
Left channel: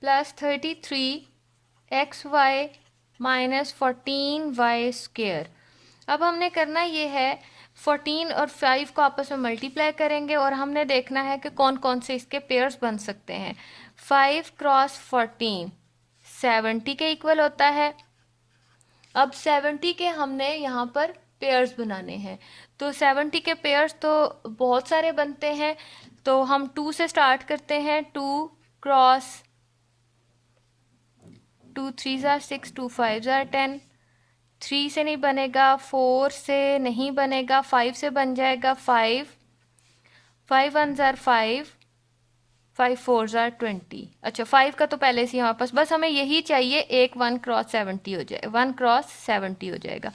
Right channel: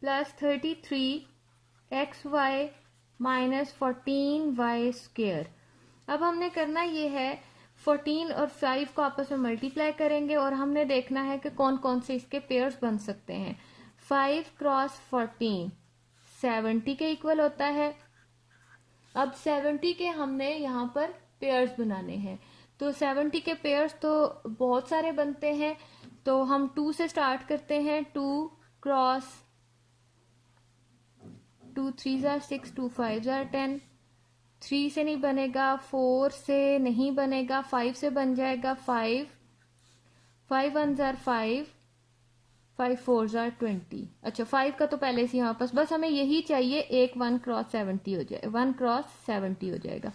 plus 33xy minus 14y²। अब हमने करना ये है 14 और 5 को आपस में मल्टीप्लाई करेंगे और हमने देखना है कि कौन कौन से इसके पेयर्स बन सकते हैं। 5 क्रॉस 14 70 के इक्वल होता है। अब 70 के हमने यहाँ पर पेयर्स बनाने हैं। तो 70 के पेयर्स तो बहुत सारे बनते हैं, तो हम 2 से स्टार्ट करते हैं। 2 क्रॉस 2 3 ज़ार 6, 2 5 ज़ार 10, 3 से नहीं बनेगा, 4 से नहीं बनेगा, 5 से बन जाएगा, 5 1 ज़ार 5, 5 4 ज़ार 20। अच्छा 5 का तो पहले से हमारे पास, बस हमें यही चाहिए, एक 1 क्रॉस 70 हो जाए, 1 क्रॉस 70 हो जाएगा।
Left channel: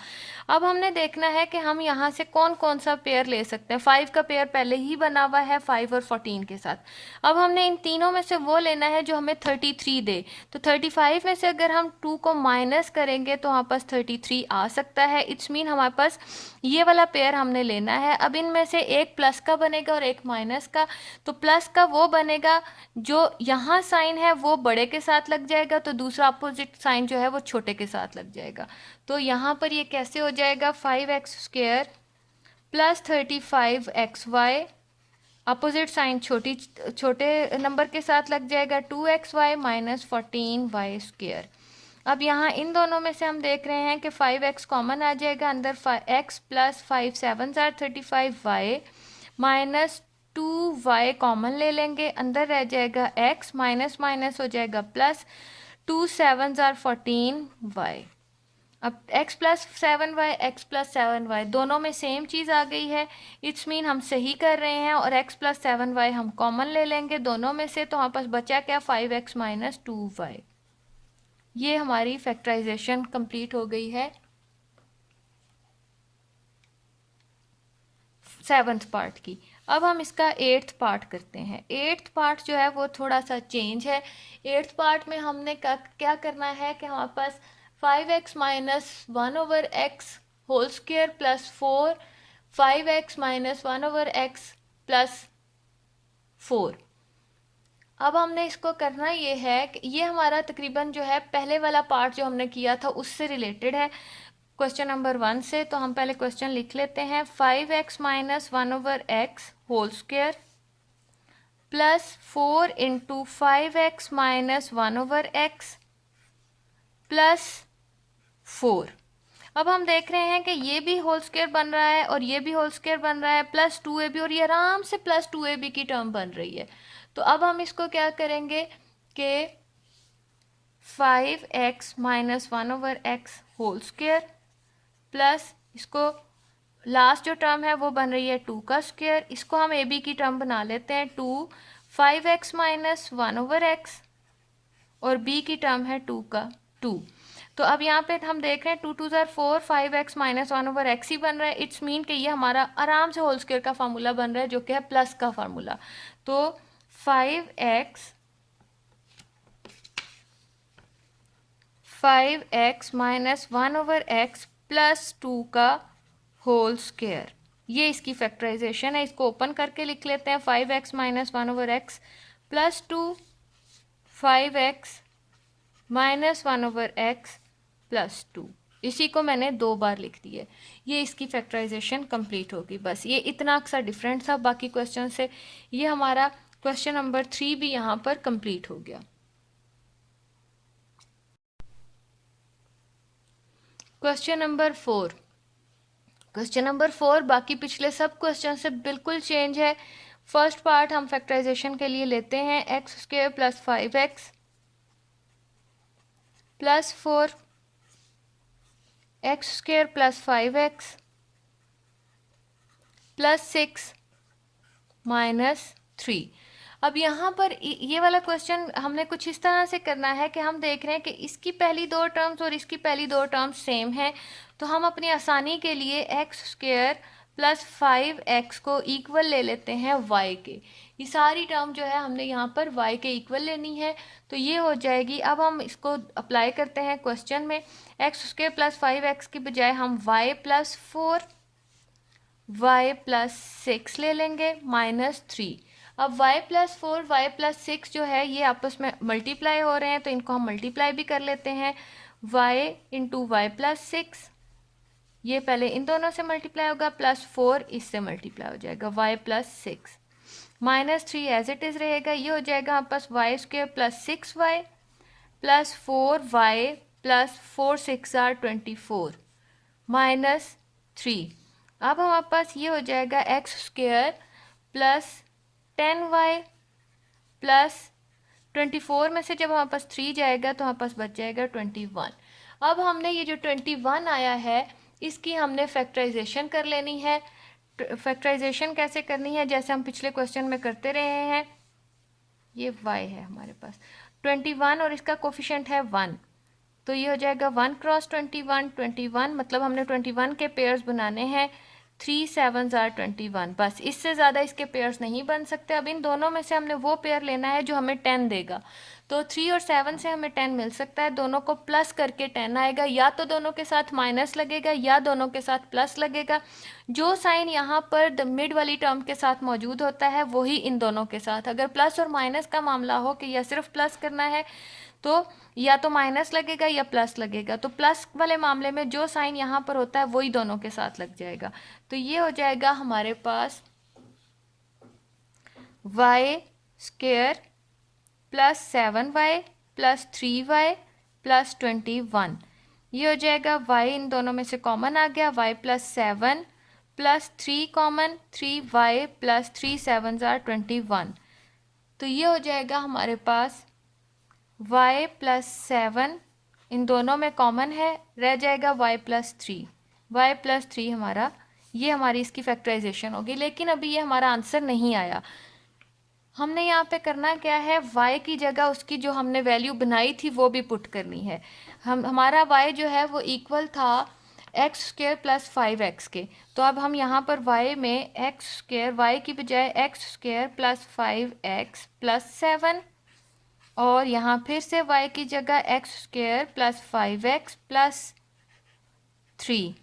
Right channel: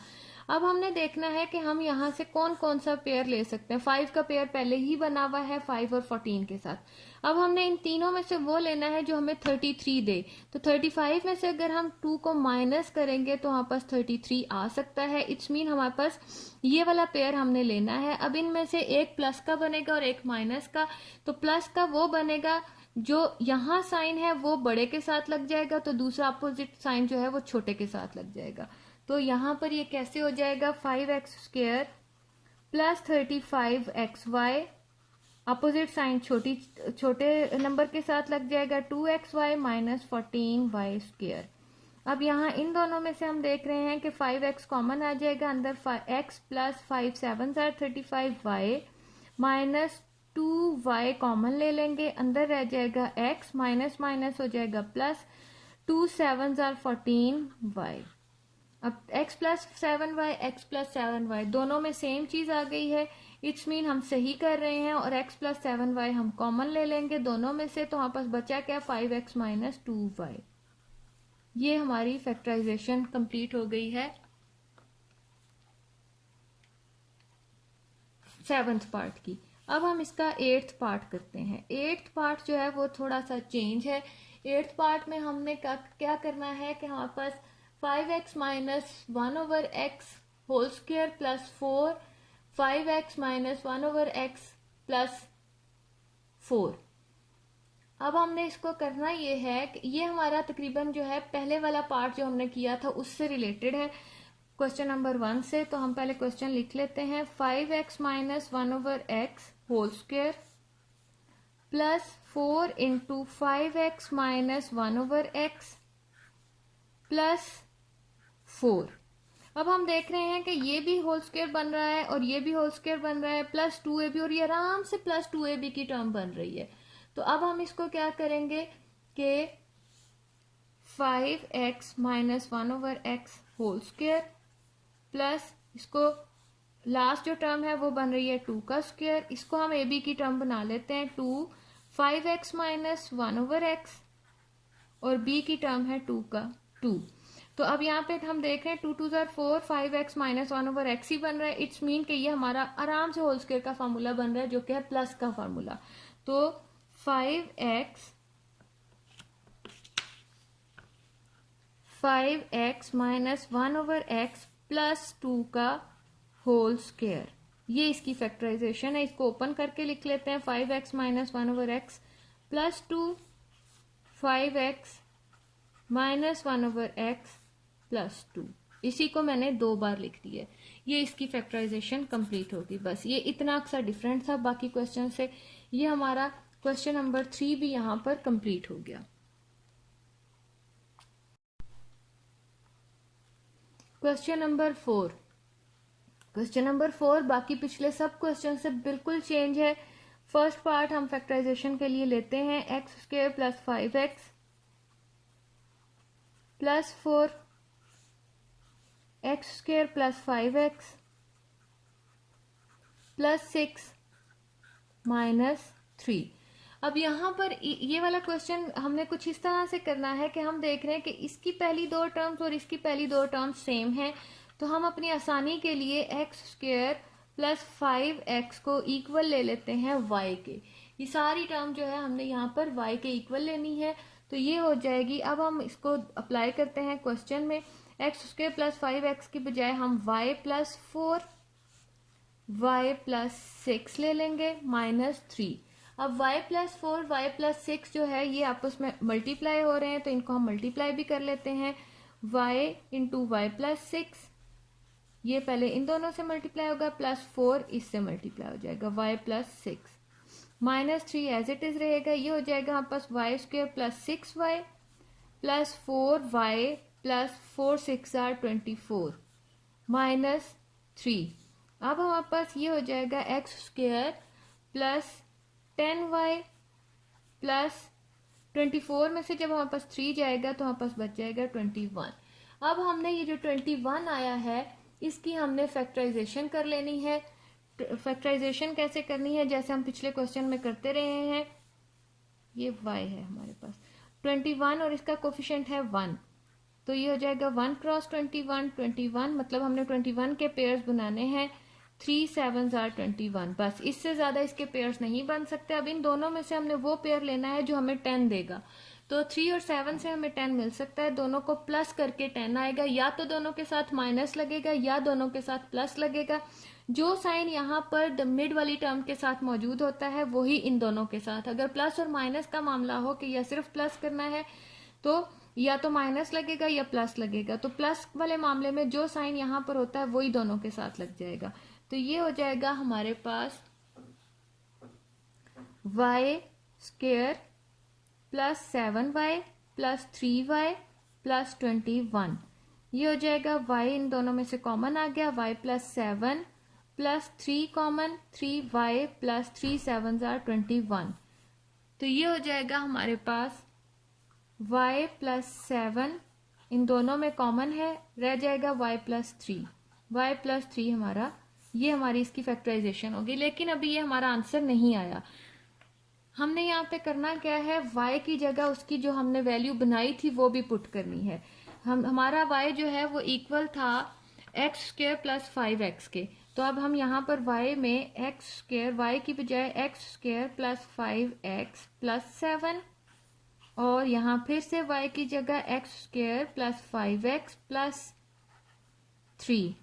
अब हमने देखना है कि हम यहाँ से कौन कौन सा पेयर ले सकते हैं। 5 का पेयर पहले ही बना हुआ है 5 और 14 के साथ। अब हमने इन तीनों में से वो लेना है जो हमें 33 दे। तो 35 में से अगर हम 2 को माइनस करेंगे तो हमारे पास 33 आ सकता है। इट्स मीन हमारे पास ये वाला पेयर हमने लेना है। अब इनमें से एक प्लस का बनेगा और एक माइनस का। तो प्लस का वो बनेगा जो यहाँ साइन है वो बड़े के साथ लग जाएगा, तो दूसरा अपोजिट साइन जो है वो छोटे के साथ लग जाएगा। तो यहाँ पर ये कैसे हो जाएगा, 5x² plus 35xy, opposite sign छोटे नंबर के साथ लग जाएगा, 2xy माइनस 14y²। अब यहाँ इन दोनों में से हम देख रहे हैं कि 5x कॉमन आ जाएगा, अंदर x प्लस 5 7 ज़ार 35y माइनस 2y कॉमन ले लेंगे, अंदर रह जाएगा x, माइनस माइनस हो जाएगा प्लस, 2 7 ज़ार 14y। अब x plus 7y, x plus 7y दोनों में सेम चीज़ आ गई है। इट्स मीन हम सही कर रहे हैं, और x प्लस 7y हम कॉमन ले लेंगे दोनों में से, तो हमारे पास बचा क्या, 5x माइनस 2y। ये हमारी फैक्टराइजेशन कंप्लीट हो गई है 7th पार्ट की। अब हम इसका 8th पार्ट करते हैं। 8th पार्ट जो है वो थोड़ा सा चेंज है। 8th पार्ट में हमने क्या करना है कि हमारे पास 5x minus 1/x whole square plus 4, 5x minus 1/x plus 4। अब हमने इसको करना ये है कि ये हमारा तकरीबन जो है पहले वाला पार्ट जो हमने किया था उससे रिलेटेड है, क्वेश्चन नंबर 1 से। तो हम पहले क्वेश्चन लिख लेते हैं, 5x minus 1/x whole square plus 4 into 5x minus 1/x plus 4। अब हम देख रहे हैं कि ये भी होल स्क्वायर बन रहा है और ये भी होल स्क्वायर बन रहा है, प्लस 2ab, और ये आराम से प्लस 2ab की टर्म बन रही है। तो अब हम इसको क्या करेंगे कि 5x minus 1/x whole square plus इसको लास्ट जो टर्म है वो बन रही है 2 का स्क्वायर, इसको हम ab की टर्म बना लेते हैं 2, 5x माइनस 1/x और b की टर्म है 2 का 2। तो अब यहाँ पे हम देख रहे हैं 2 2 ज़ार 4, 5x माइनस 1/x ही बन रहा है। इट्स मीन कि ये हमारा आराम से होल स्क्वायर का फार्मूला बन रहा है जो कि है प्लस का फार्मूला। तो 5x माइनस 1/x प्लस 2 का होल स्क्वायर, ये इसकी फैक्टराइजेशन है। इसको ओपन करके लिख लेते हैं, 5x minus 1/x plus 2, 5x minus 1/x plus 2। इसी को मैंने 2 बार लिख दिया। ये इसकी फैक्टराइजेशन कंप्लीट होगी। बस ये इतना सा डिफरेंट था बाकी क्वेश्चन से। ये हमारा क्वेश्चन नंबर 3 भी यहाँ पर कंप्लीट हो गया। Question number 4। क्वेश्चन नंबर 4 बाकी पिछले सब क्वेश्चन से बिल्कुल चेंज है। फर्स्ट पार्ट हम फैक्टराइजेशन के लिए लेते हैं, x square plus 5x plus 4, x square plus 5x plus 6 minus 3। अब यहाँ पर ये वाला क्वेश्चन हमने कुछ इस तरह से करना है कि हम देख रहे हैं कि इसकी पहली 2 टर्म्स और इसकी पहली 2 टर्म्स सेम है, तो हम अपनी आसानी के लिए एक्स स्क्वायर प्लस 5x को इक्वल ले लेते हैं y के। ये सारी टर्म जो है हमने यहाँ पर y के इक्वल लेनी है, तो ये हो जाएगी। अब हम इसको अप्लाई करते हैं क्वेश्चन में, एक्स स्क्वायर प्लस 5x की बजाय हम y प्लस 4 y प्लस 6 ले लेंगे माइनस 3। अब y प्लस 4 y प्लस 6 जो है ये आपस में मल्टीप्लाई हो रहे हैं, तो इनको हम मल्टीप्लाई भी कर लेते हैं। y इंटू वाई प्लस 6, ये पहले इन दोनों से मल्टीप्लाई होगा, प्लस 4 इससे मल्टीप्लाई हो जाएगा, y plus 6 minus 3 as it is रहेगा। ये हो जाएगा हमारे पास y square plus 6y plus 4y plus 4 6 are 24 minus 3। अब हमारे पास ये हो जाएगा x square plus 10y plus 24 में से जब हमारे पास 3 जाएगा तो हमारे पास बच जाएगा 21। अब हमने ये जो 21 आया है इसकी हमने फैक्टराइजेशन कर लेनी है। फैक्टराइजेशन कैसे करनी है, जैसे हम पिछले क्वेश्चन में करते रहे हैं। ये y है हमारे पास 21 और इसका कोफिशिएंट है 1, तो ये हो जाएगा 1 क्रॉस 21, 21 मतलब हमने 21 के पेयर्स बनाने हैं। 3 7 आर 21, बस इससे ज़्यादा इसके पेयर्स नहीं बन सकते। अब इन दोनों में से हमने वो पेयर लेना है जो हमें 10 देगा। तो 3 और 7 से हमें 10 मिल सकता है, दोनों को प्लस करके 10 आएगा। या तो दोनों के साथ माइनस लगेगा या दोनों के साथ प्लस लगेगा। जो साइन यहाँ पर मिड वाली टर्म के साथ मौजूद होता है वही इन दोनों के साथ। अगर प्लस और माइनस का मामला हो कि या सिर्फ प्लस करना है तो या तो माइनस लगेगा या प्लस लगेगा। तो प्लस वाले मामले में जो साइन यहाँ पर होता है वही दोनों के साथ लग जाएगा। तो ये हो जाएगा हमारे पास y square plus 7y plus 3y plus 21। ये हो जाएगा y इन दोनों में से कॉमन आ गया, y plus 7 plus 3 common, 3y plus 3 7 are 21। तो ये हो जाएगा हमारे पास y प्लस 7 इन दोनों में कॉमन है, रह जाएगा y प्लस 3। y प्लस 3 हमारा, ये हमारी इसकी फैक्टराइजेशन होगी। लेकिन अभी ये हमारा आंसर नहीं आया। हमने यहाँ पे करना क्या है, y की जगह उसकी जो हमने वैल्यू बनाई थी वो भी पुट करनी है। हमारा y जो है वो इक्वल था एक्स स्क्वायर प्लस 5x के। तो अब हम यहाँ पर y में एक्स स्क्वायर, y की बजाय x square plus 5x plus 7, और यहाँ फिर से y की जगह x square plus 5x plus 3।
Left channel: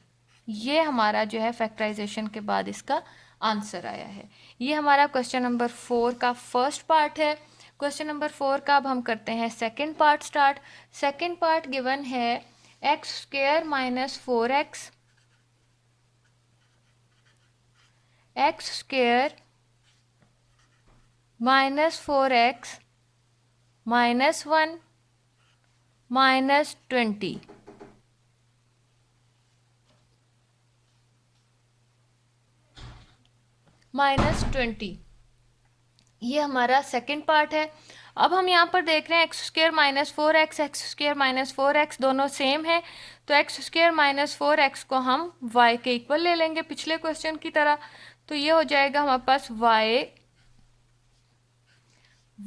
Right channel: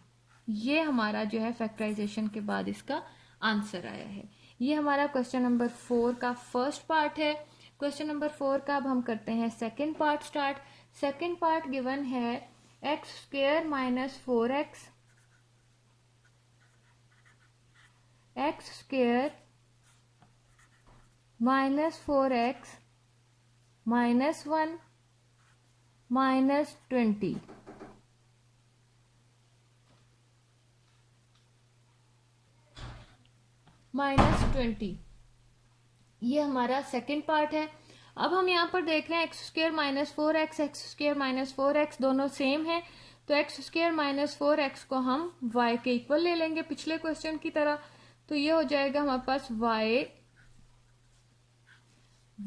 ये हमारा जो है फैक्टराइजेशन के बाद इसका आंसर आया है। ये हमारा क्वेश्चन नंबर 4 का फर्स्ट पार्ट है। क्वेश्चन नंबर 4 का अब हम करते हैं second part start. Second part given है x square minus 4x, x square minus 4x minus 1 minus 20। Minus 20 ये हमारा सेकंड पार्ट है। अब हम यहाँ पर देख रहे हैं x square minus 4x, x square minus 4x दोनों सेम है। तो एक्स स्क्वायर माइनस 4x को हम y के इक्वल ले लेंगे पिछले क्वेश्चन की तरह। तो ये हो जाएगा हमारे पास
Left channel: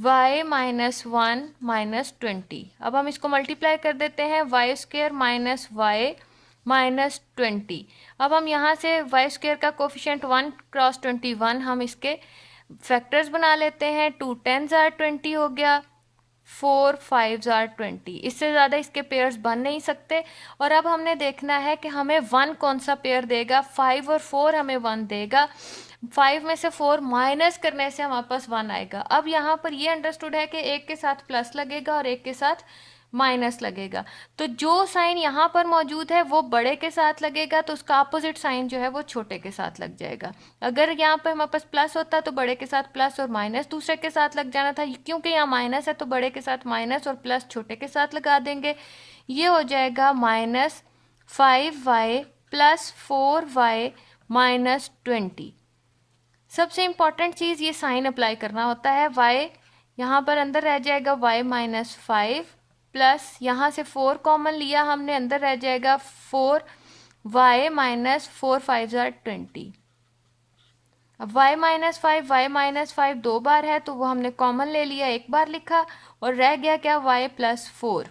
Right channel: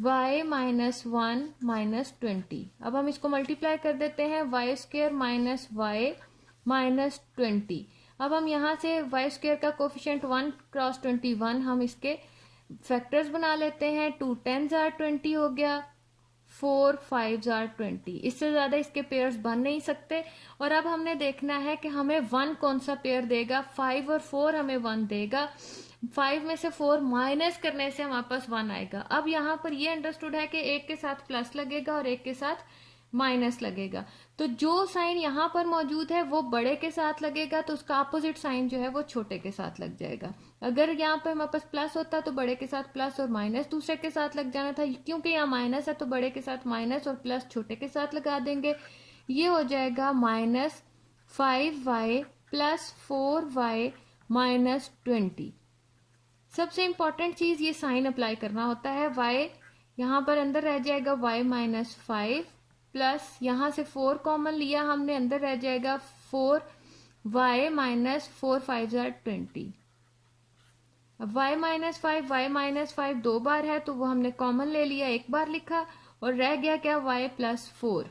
y माइनस 1 माइनस 20। अब हम इसको मल्टीप्लाई कर देते हैं, y square minus y minus 20। अब हम यहाँ से y स्क्वायर का कोफिशिएंट 1 क्रॉस 21 हम इसके फैक्टर्स बना लेते हैं। 2 10s आर 20 हो गया, 4 5s आर 20। इससे ज़्यादा इसके पेयर्स बन नहीं सकते। और अब हमने देखना है कि हमें 1 कौन सा पेयर देगा। 5 और 4 हमें 1 देगा। 5 में से 4 माइनस करने से हमारे पास 1 आएगा। अब यहाँ पर ये अंडरस्टूड है कि एक के साथ प्लस लगेगा और एक के साथ माइनस लगेगा। तो जो साइन यहाँ पर मौजूद है वो बड़े के साथ लगेगा, तो उसका अपोजिट साइन जो है वो छोटे के साथ लग जाएगा। अगर यहाँ पर हमारे पास प्लस होता तो बड़े के साथ प्लस और माइनस दूसरे के साथ लग जाना था। क्योंकि यहाँ माइनस है तो बड़े के साथ माइनस और प्लस छोटे के साथ लगा देंगे। ये हो जाएगा minus 5y plus 4y minus 20। सबसे इम्पॉर्टेंट चीज़ ये साइन अप्लाई करना होता है। y यहाँ पर अंदर रह जाएगा y माइनस 5 प्लस यहाँ से 4 कॉमन लिया हमने, अंदर रह जाएगा 4y माइनस 4 5 आर 20। अब y माइनस 5 दो बार है तो वो हमने कॉमन ले लिया, एक बार लिखा, और रह गया क्या y प्लस 4।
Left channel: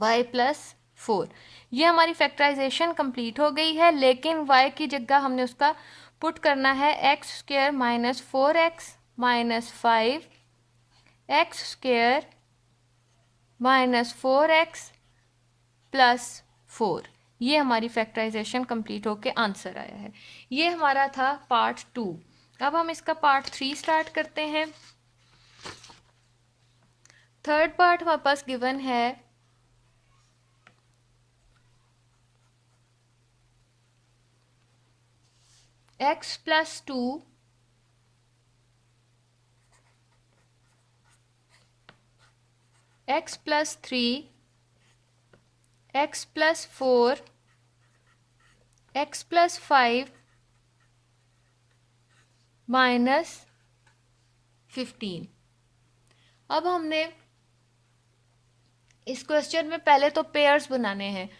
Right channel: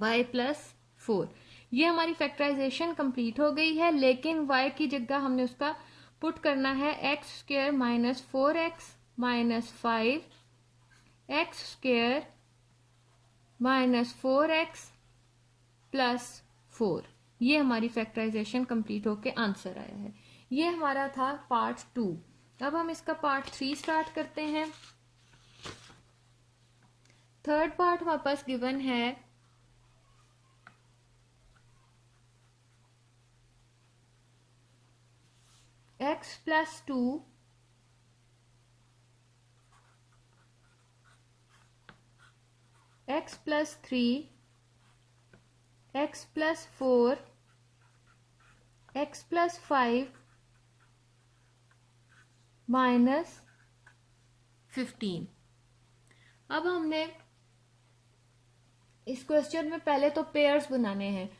y प्लस 4 ये हमारी फैक्टराइजेशन कंप्लीट हो गई है। लेकिन y की जगह हमने उसका पुट करना है x square minus 4x minus 5 x square minus 4x plus 4। ये हमारी फैक्टराइजेशन कंप्लीट होके आंसर आया है। ये हमारा था पार्ट 2। अब हम इसका पार्ट 3 स्टार्ट करते हैं। थर्ड पार्ट हमारे पास गिवन है x plus 2 x plus 3 x plus 4 x plus 5 minus 15। अब हमने इस क्वेश्चन में पहले तो पेयर्स बनाने हैं।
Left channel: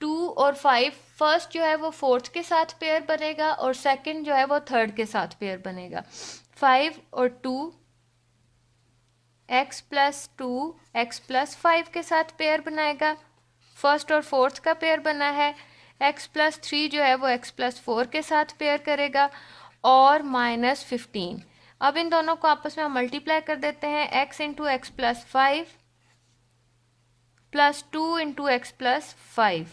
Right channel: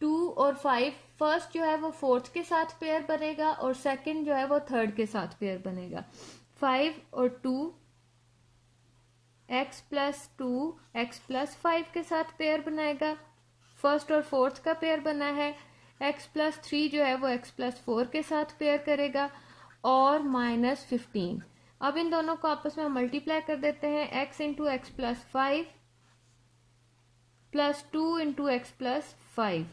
2 और 5, फर्स्ट जो है वो फोर्थ के साथ पेयर बनेगा और सेकंड जो है वो थर्ड के साथ पेयर बनेगा। 5 और 2, एक्स प्लस 2 एक्स प्लस 5 के साथ पेयर बनाएगा। फर्स्ट और फोर्थ का पेयर बना है। एक्स प्लस 3 जो है वो एक्स प्लस 4 के साथ पेयर करेगा और माइनस 15। अब इन दोनों को आपस में हम मल्टीप्लाई कर देते हैं। X into x plus 5 plus 2 into x plus 5।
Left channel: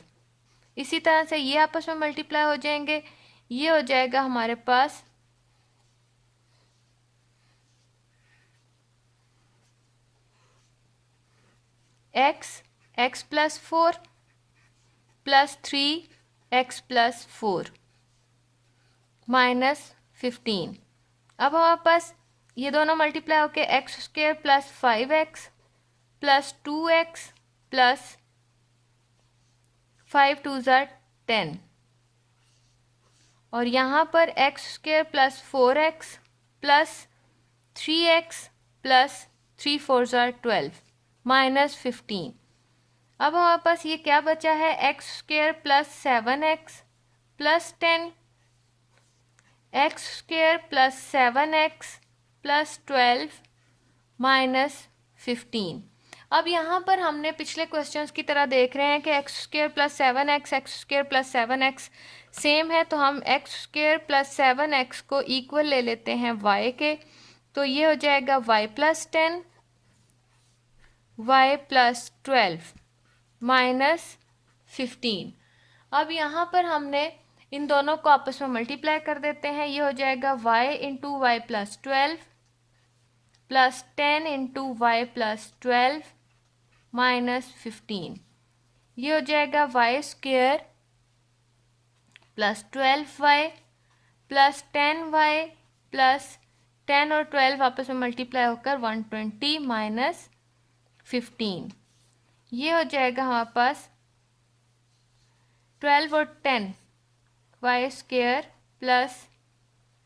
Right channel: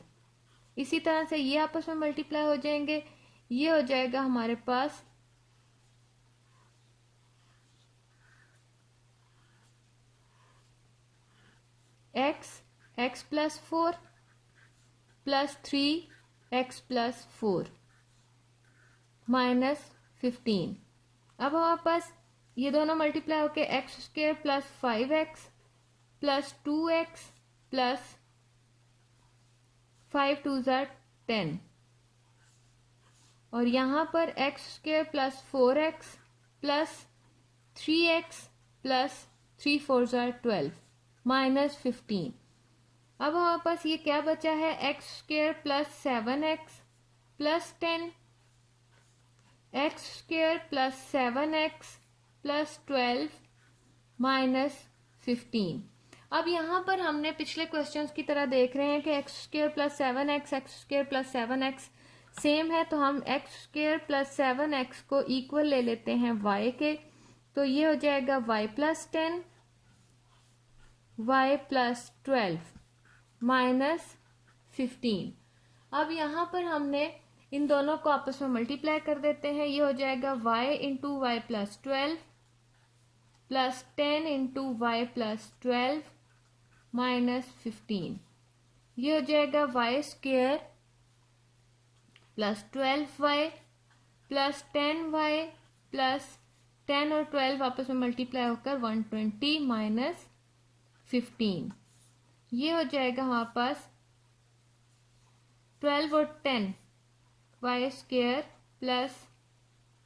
इसी तरह से ये आपस में मल्टीप्लाई हो जाएंगे। ये हो जाएगा हमारे पास x plus 4 plus 3 x plus 4 minus 15। अब हमारे पास ये दोनों मल्टीप्लाई होके x square plus 5x plus 2x plus 5 2 ज़ार 10 और यहाँ पर x square plus 4x plus 3x plus 3 4 ज़ार 12 माइनस 15। अब हमारे पास ये क्या बचा है, x square plus 7x plus 10 x square plus 7x plus 12 minus 15। अब यहाँ पर हमने पिछले क्वेश्चंस की तरह देख रहे हैं कि x square plus 7x x square plus 7x same है, तो हम एक्स स्क्वेयर प्लस 7x को इक्वल ले लेते हैं y के। तो ये हो जाएगा y plus 10 y plus 12 minus 15। अब यहाँ पर हमने इन दोनों को आपस में मल्टीप्लाई कर देते हैं। ये हो जाएगा y into Y plus 12 plus 10 into Y plus 12 minus 15। ये हो जाएगा Y square plus 12y plus 10y plus 10 और 12 आपस में मल्टीप्लाई होकर 120 माइनस 15। ये हो जाएगा हमारे पास 12 और 10 Y square plus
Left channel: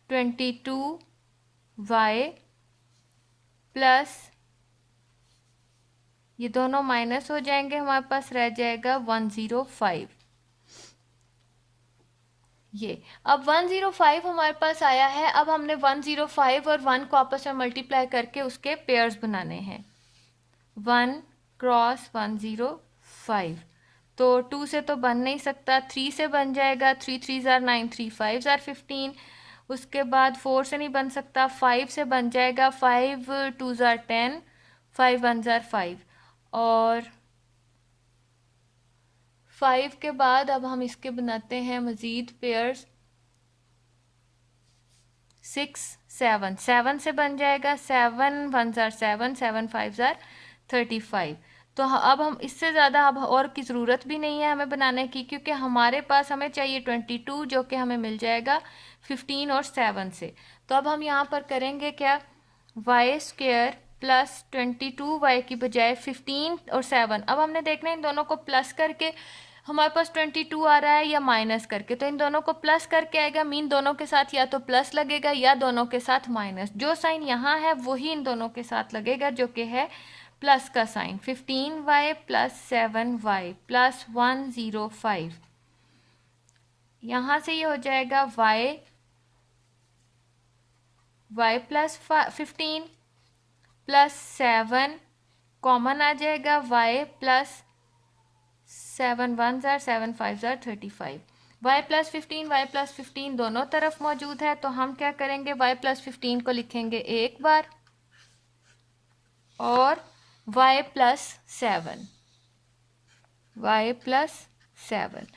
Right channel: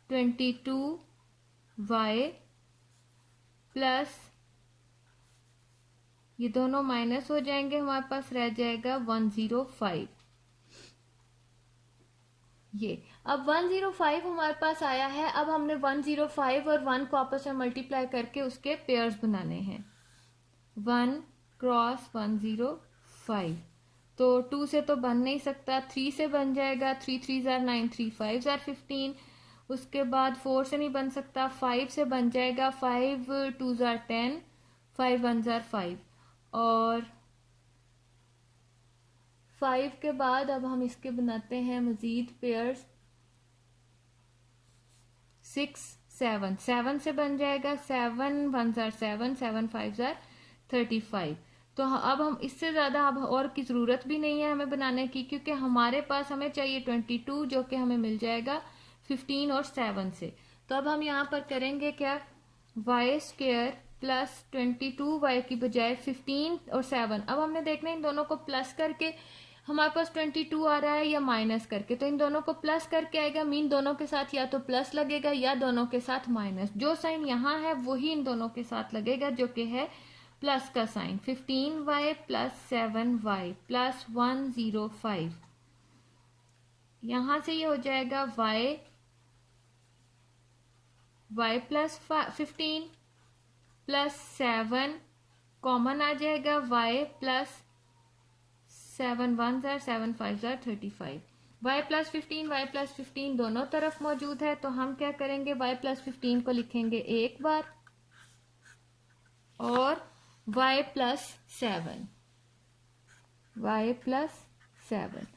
22y plus ये दोनों माइनस हो जाएंगे, हमारे पास रह जाएगा 105। ये अब 105 हमारे पास आया है। अब हमने 105 और 1 को आपस में मल्टीप्लाई करके उसके पेयर्स बनाने हैं। 1 क्रॉस 105, तो 2 से तो बन नहीं सकता, 3 से बन जाएगा। 3 3 ज़ार 9 3 5 ज़ार 15। उसके बाद 4 से नहीं बन सकता, 5 से बन जाएगा। 5 2 ज़ार 10 5 1 ज़ार 5 और 5 के बाद अब हम इसके बनाते हैं मज़ीद पेयर्स। 6 7 7 से बन जाएगा। 7 1 ज़ार 7 7 5 ज़ार 35। तो अब हम इससे ज़्यादा अब और की ज़रूरत भी नहीं है हमें बनाने की, क्योंकि हमारे पास हमें चाहिए 22 जो कि हमें मिल जाएगा 15 और 7 से। तो अब हम यहाँ पर करेंगे क्या, वाई स्क्वेयर प्लस 22y की बजाय 15 और 7। अब हमने देखना है इन दोनों को प्लस करके हमारे पास 22 आ रहा है या माइनस करके। तो इन दोनों को प्लस करके आएगा, मीन दोनों के साथ या तो प्लस लगेगा या दोनों के साथ माइनस। जो साइन यहाँ है वही इन दोनों के साथ लगेगा, जो कि है प्लस का sign. 15y plus 7y plus 105। यहाँ से ये हो जाएगा y प्लस 15 प्लस 7 कॉमन आ जाएगा, y प्लस 7 1 ज़ार 7 5 ज़ार 35। y प्लस 15 y प्लस 15 दोनों तरफ मौजूद है, तो हम क्या करेंगे, y प्लस 15 को लिखेंगे एक बार और y प्लस 7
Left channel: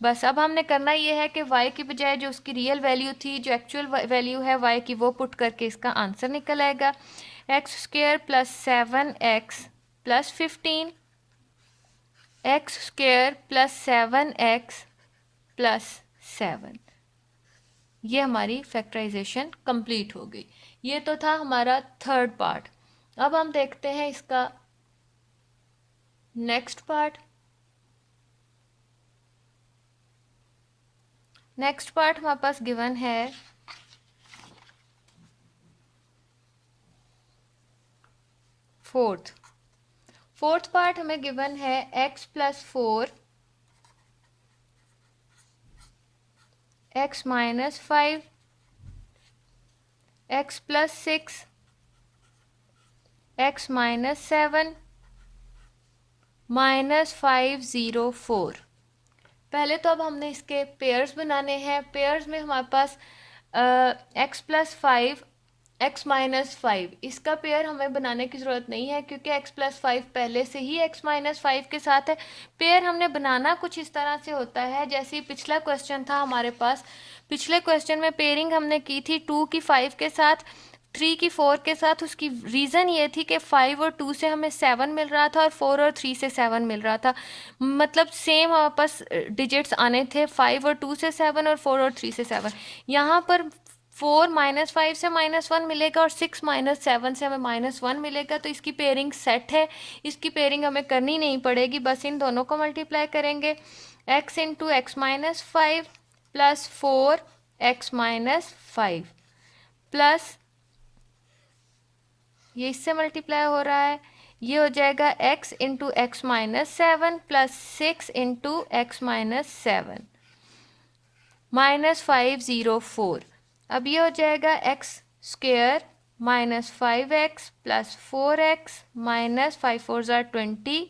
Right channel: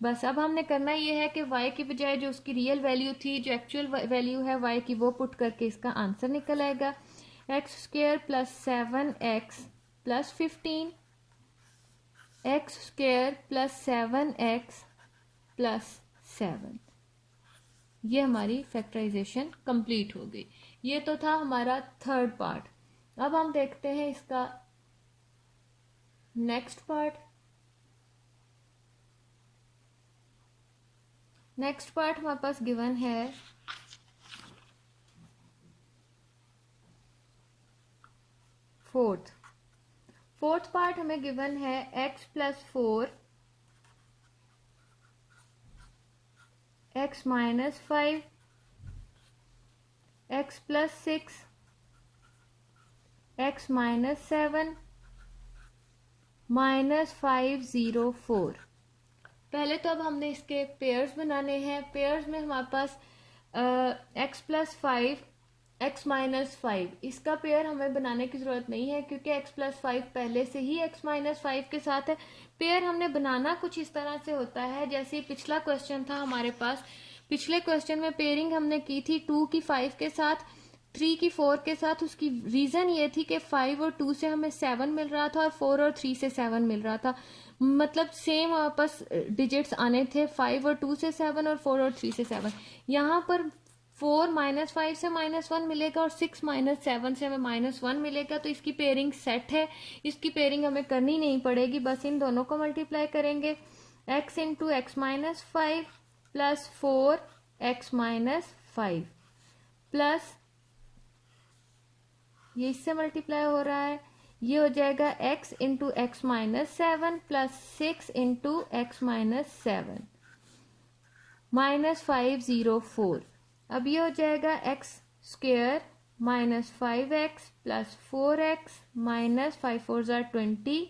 बस। अब हमने करना ये है कि y की बजाय जो उसकी रियल वैल्यू थी, जो एक्चुअल वैल्यू है y की, वो पुट करके इसका आंसर निकल आएगा। X square plus 7x plus 15 x square plus 7x plus 7। ये हमारी फैक्टराइजेशन कंप्लीट हो गई। ये तो था हमारा थर्ड पार्ट। अब हम देखते हैं इसका नेक्स्ट पार्ट। नेक्स्ट पार्ट हमारे पास गिवन है फोर्थ पार्ट हमें गिवन है x plus 4 x minus 5 x plus 6 x minus 7 minus 504। पहले तो अब हमने इसके पेयर्स बनाने हैं। पेयर्स में हमारे पास x प्लस 5 x माइनस 5, इसका पेयर हमें बनाने की ज़रूरत नहीं है क्योंकि x प्लस 5 पहले से ही x माइनस 5 के साथ है। पेयर हमने बनाना कुछ इस तरह से होता है जैसे पिछला क्वेश्चन था हमारे पास। पिछले क्वेश्चन में पेयरिंग हमने की थी 2 की 5 के साथ, 3 की 4 के साथ। उसकी रीज़न ये थी कि 5 और 2 से हमें 7 मिल रहा था और 4 और 3 से 7 मिल रहा था। मतलब सेम हमारे पास डिजिट्स आने थे, 5 और 2 से 7 और 4 और 3 से 7। यहाँ पर 4 माइनस 5 से -1 मिलेगा और 6 माइनस 7 से हमें -1 मिलेगा। तो इसकी पेयरिंग सेट है, इसकी पेयरिंग हमें करनी नहीं पड़ेगी, बस इन दोनों को मल्टीप्लाई करेंगे। x into x minus 5 plus 4 x minus 5 plus ये इससे मल्टीप्लाई हो रहा है, ये हो जाएगा x into x minus 7 plus 6 into x minus 7 minus 504। अब ये हो जाएगा x square minus 5x plus 4x minus 5 4 ज़ार 20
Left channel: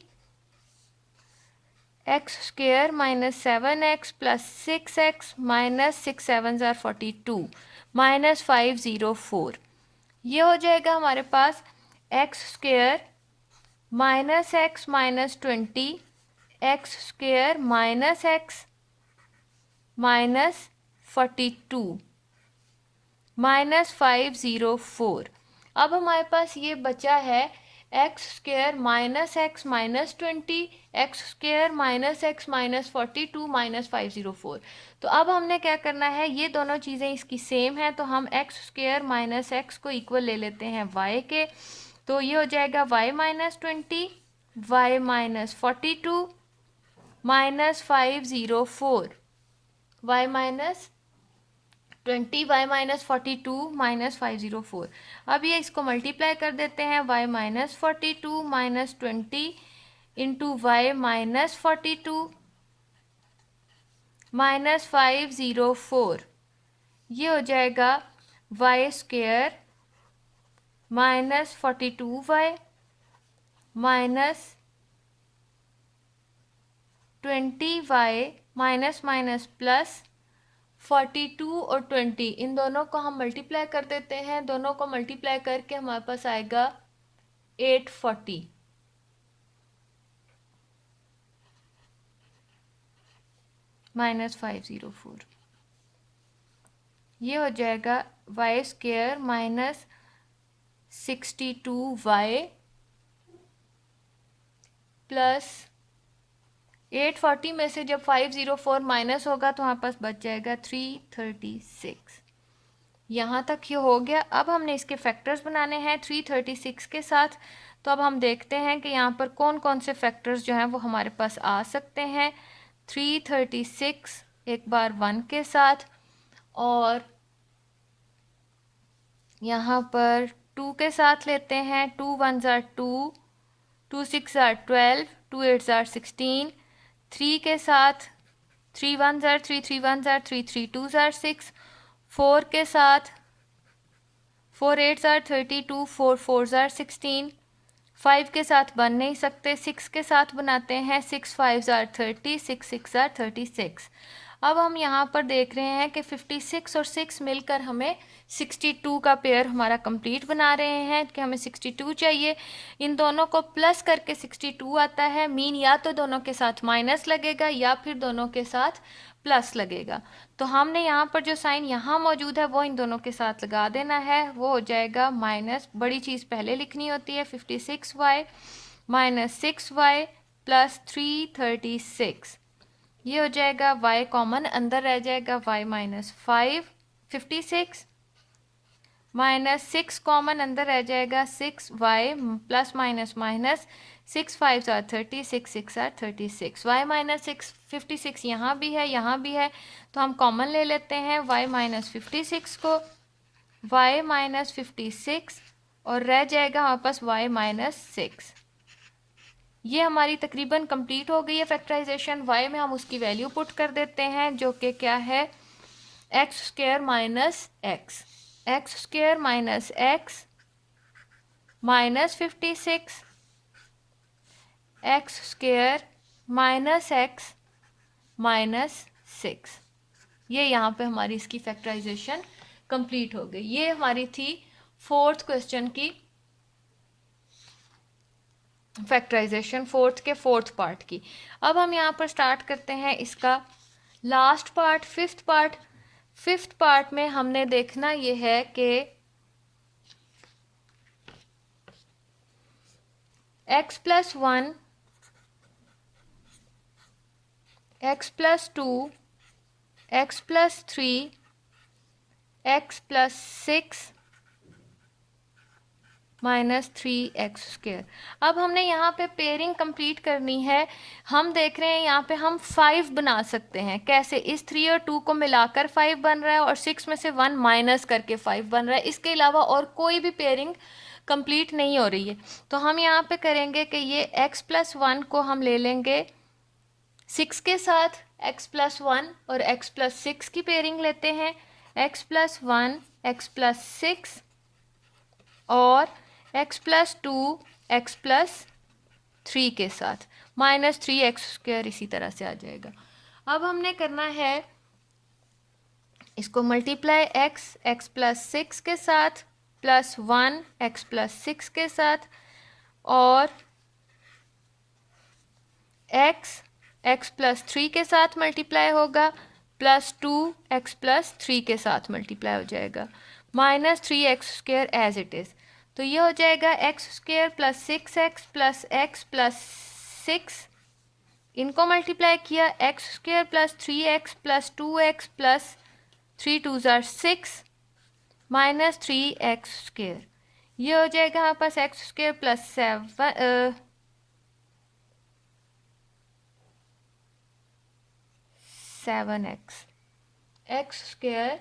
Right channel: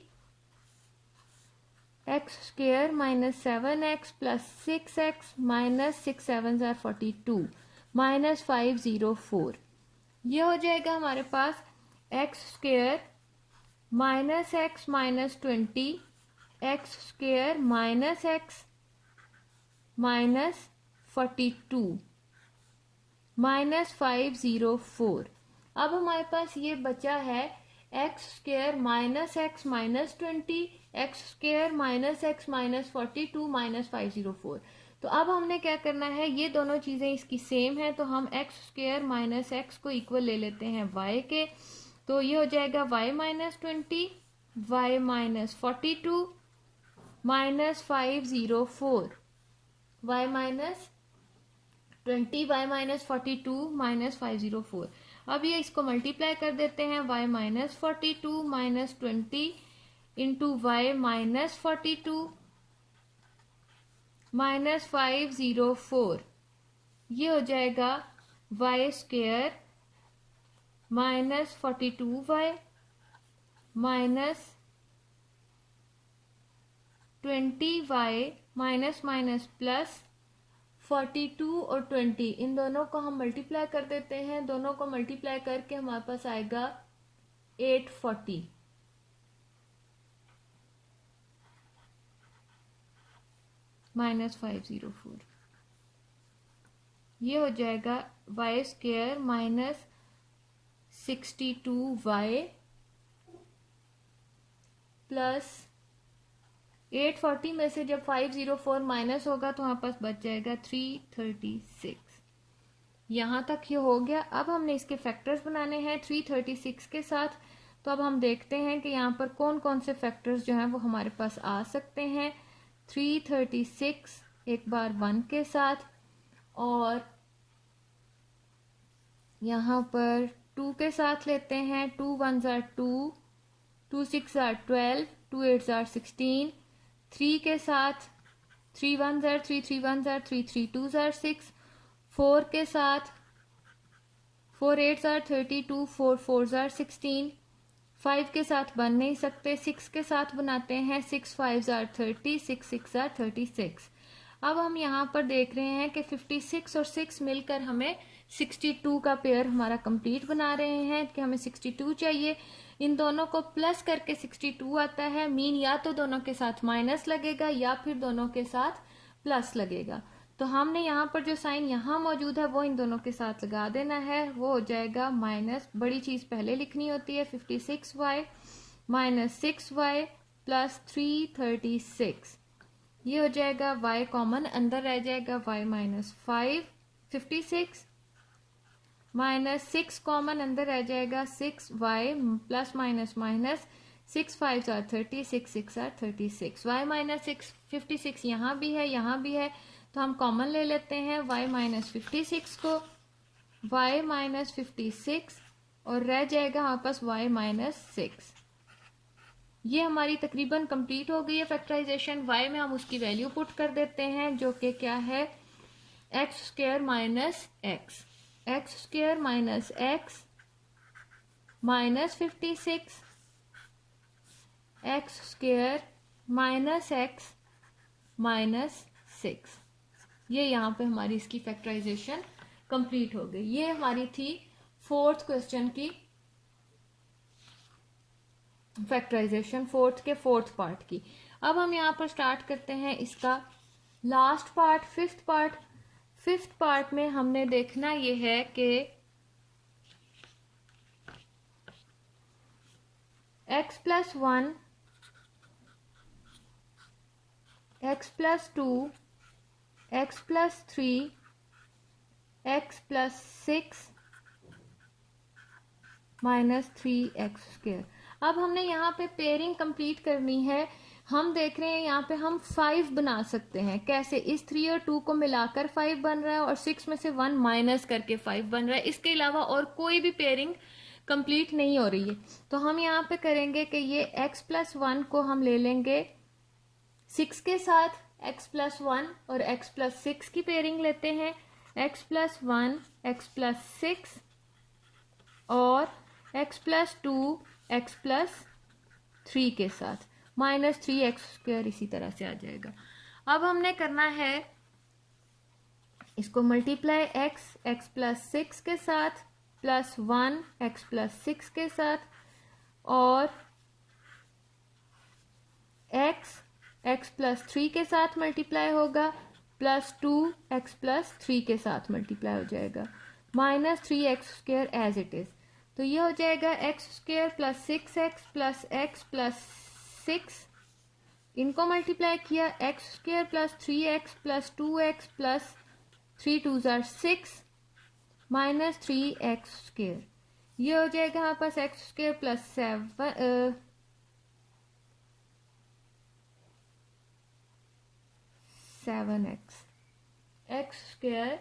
x square minus 7x plus 6x minus 6 7 ज़ार 42 माइनस 504। ये हो जाएगा हमारे पास x square minus x minus 20 x square minus x minus 42 minus 504। अब हमारे पास ये बचा है x square minus x minus 20 x square minus x minus 42 minus 504। तो अब हमने क्या करना है, ये दोनों चीज़ें इसकी सेम हैं तो हम एक्स स्क्वेयर माइनस एक्स को इक्वल ले लेते हैं वाई के। तो ये हो जाएगा y minus 20 y minus 42 minus 504 y minus 20 y minus 42 minus 504। अब ये इसको मल्टीप्लाई कर देते हैं, y minus 42 minus 20 into y minus 42 minus 504। ये हो जाएगा Y square minus 42 y minus 20 y minus minus plus 42 और 20, इन दोनों को हम मल्टीप्लाई कर देते हैं। दोनों को मल्टीप्लाई करके हमारे पास आएगा 840 माइनस 504। ये हो जाएगा Y square minus 62 y plus 840 में से जब 504 माइनस होगा तो हमारे पास बच जाएगा 336। यहाँ तक ये हो गया। अब हमने इसके फैक्टर्स बनाने हैं 336 के साथ। तो अब हम देखते हैं कि यहाँ पर कौन कौन से फैक्टर्स जो हैं वो हमारे पास आ सकते हैं। 336 एक बार 1 के साथ और यहाँ पर 2 के साथ लेते हैं। 2 1 ज़ार 2, 2 6 ज़ार 12, 2 8 ज़ार 16। 3 के साथ 3 1 ज़ार 3, 3 1 ज़ार 3, 3 2 ज़ार 6। 4 के साथ 4 8 ज़ार 32, 4 4 ज़ार 16। 5 के साथ बन नहीं सकते, 6 के साथ बनाते हैं। 6 5 ज़ार 30, 6 6 ज़ार 36। अब हम यहाँ पर देख रहे हैं कि 56 और 6 मिलकर हमें 62 का पेयर हमारा कंप्लीट बना रहे हैं कि हमें 62 चाहिए। इन दोनों को प्लस करके 62 आता है। मीन या तो दोनों के साथ माइनस लगेगा या फिर दोनों के साथ प्लस लगेगा। तो हमने यहाँ पर जो साइन यहाँ मौजूद है वो इन दोनों के साथ लगा देना है। वो हो जाएगा माइनस, बड़ी चीज़ पहले लिखनी होती है, 56y माइनस 6y प्लस 336। ये हो जाएगा y कॉमन अंदर रह जाएगा, y माइनस 5 56 माइनस 6 कॉमन अंदर रह जाएगा, 6y plus minus minus 6 5 are 30, 6 6 are 36। y minus 6 56 यहाँ भी है यहाँ भी है, तो हम कॉमन ले लेते हैं y माइनस 56 को, y माइनस 56 और रह जाएगा हमारे पास y माइनस 6। ये हमारी तकरीबन कंप्लीट हो गई है फैक्टराइजेशन। y में हम उसकी वैल्यू पुट कर देते हैं जो कि क्या है, x square minus x, x square minus x minus 56 x square minus x minus 6। ये यहाँ पे हमारी इसकी फैक्टराइजेशन कंप्लीट हो गई। ये हमारी थी फोर्थ क्वेश्चन की फैक्टराइजेशन, फोर्थ के फोर्थ पार्ट की। अब हम यहाँ पर स्टार्ट करते हैं इसका last part, fifth part. Fifth part में हमने देखना ये है कि x plus 1, x plus 2, x plus 3, x plus 6 minus 3x square. अब हमने यहाँ पे पेयरिंग कंप्लीट करनी है। हम देख रहे हैं यहाँ पे हम 5 बना सकते हैं। कैसे? इस 3 और 2 को मिलाकर 5 बन रहा है और 6 में से 1 माइनस करके 5 बन रहा है। इसके अलावा और कोई भी पेयरिंग कंप्लीट नहीं हो रही है। तो हम यहाँ पे करेंगे कि ये x प्लस 1 को हम ले लेंगे 6 के साथ, x प्लस 1 और x प्लस 6 की पेयरिंग लेते हैं, x प्लस 1 x प्लस 6 और x प्लस 2 x प्लस 3 के साथ, माइनस 3x स्क्वायर इसी तरह से आ जाएगा। अब हमने करना है इसको मल्टीप्लाई x प्लस 6 के साथ प्लस 1 x प्लस 6 के साथ और x प्लस 3 के साथ मल्टीप्लाई होगा प्लस 2 x प्लस 3 के साथ मल्टीप्लाई हो जाएगा, minus 3x square as it is. तो ये हो जाएगा x square plus 6x plus x plus 6, इनको मल्टीप्लाई किया x square plus 3x plus 2x plus 3 2 ज़ार 6 माइनस 3x स्क्वायर। ये हो जाएगा हमारे पास x square plus 7x, x square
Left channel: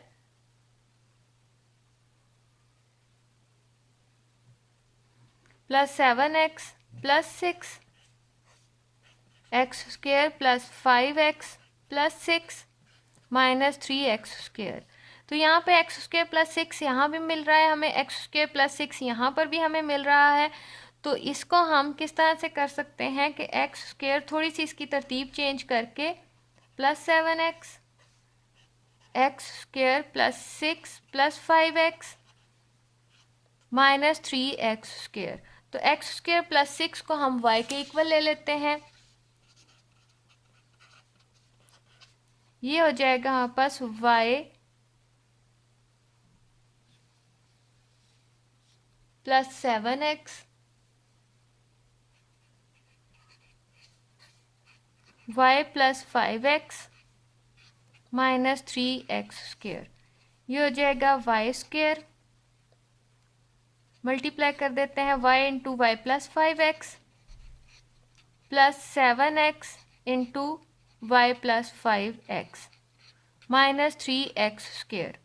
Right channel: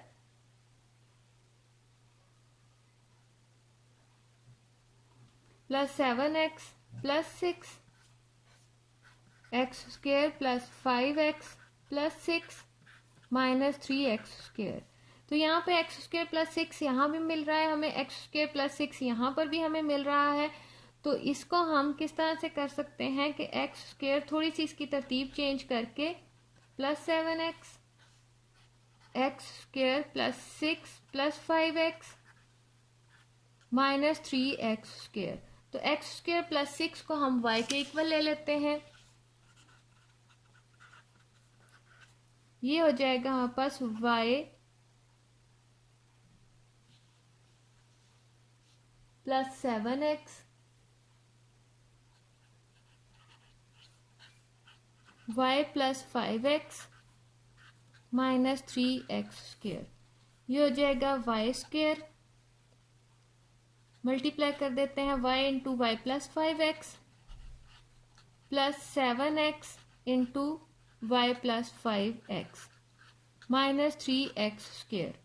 plus 7x plus 6, x square plus 5x plus 6 minus 3x square. तो यहाँ पे एक्स स्क्वायर प्लस 6 यहाँ भी मिल रहा है हमें, एक्स स्क्वायर प्लस 6 यहाँ पर भी हमें मिल रहा है। तो इसको हम किस तरह से कर सकते हैं कि एक्स स्क्वायर थोड़ी सी इसकी तरतीब चेंज करके plus 7x, x square plus 6 plus 5x minus 3x square. तो एक्स स्क्वायर प्लस 6 को हम y के इक्वल ले लेते हैं। ये हो जाएगा हमारे पास y plus 7x y plus 5x minus 3x square. ये हो जाएगा y स्क्वायर, मल्टीप्लाई कर देते हैं y into Y plus 5x plus 7x into Y plus 5x minus 3x square.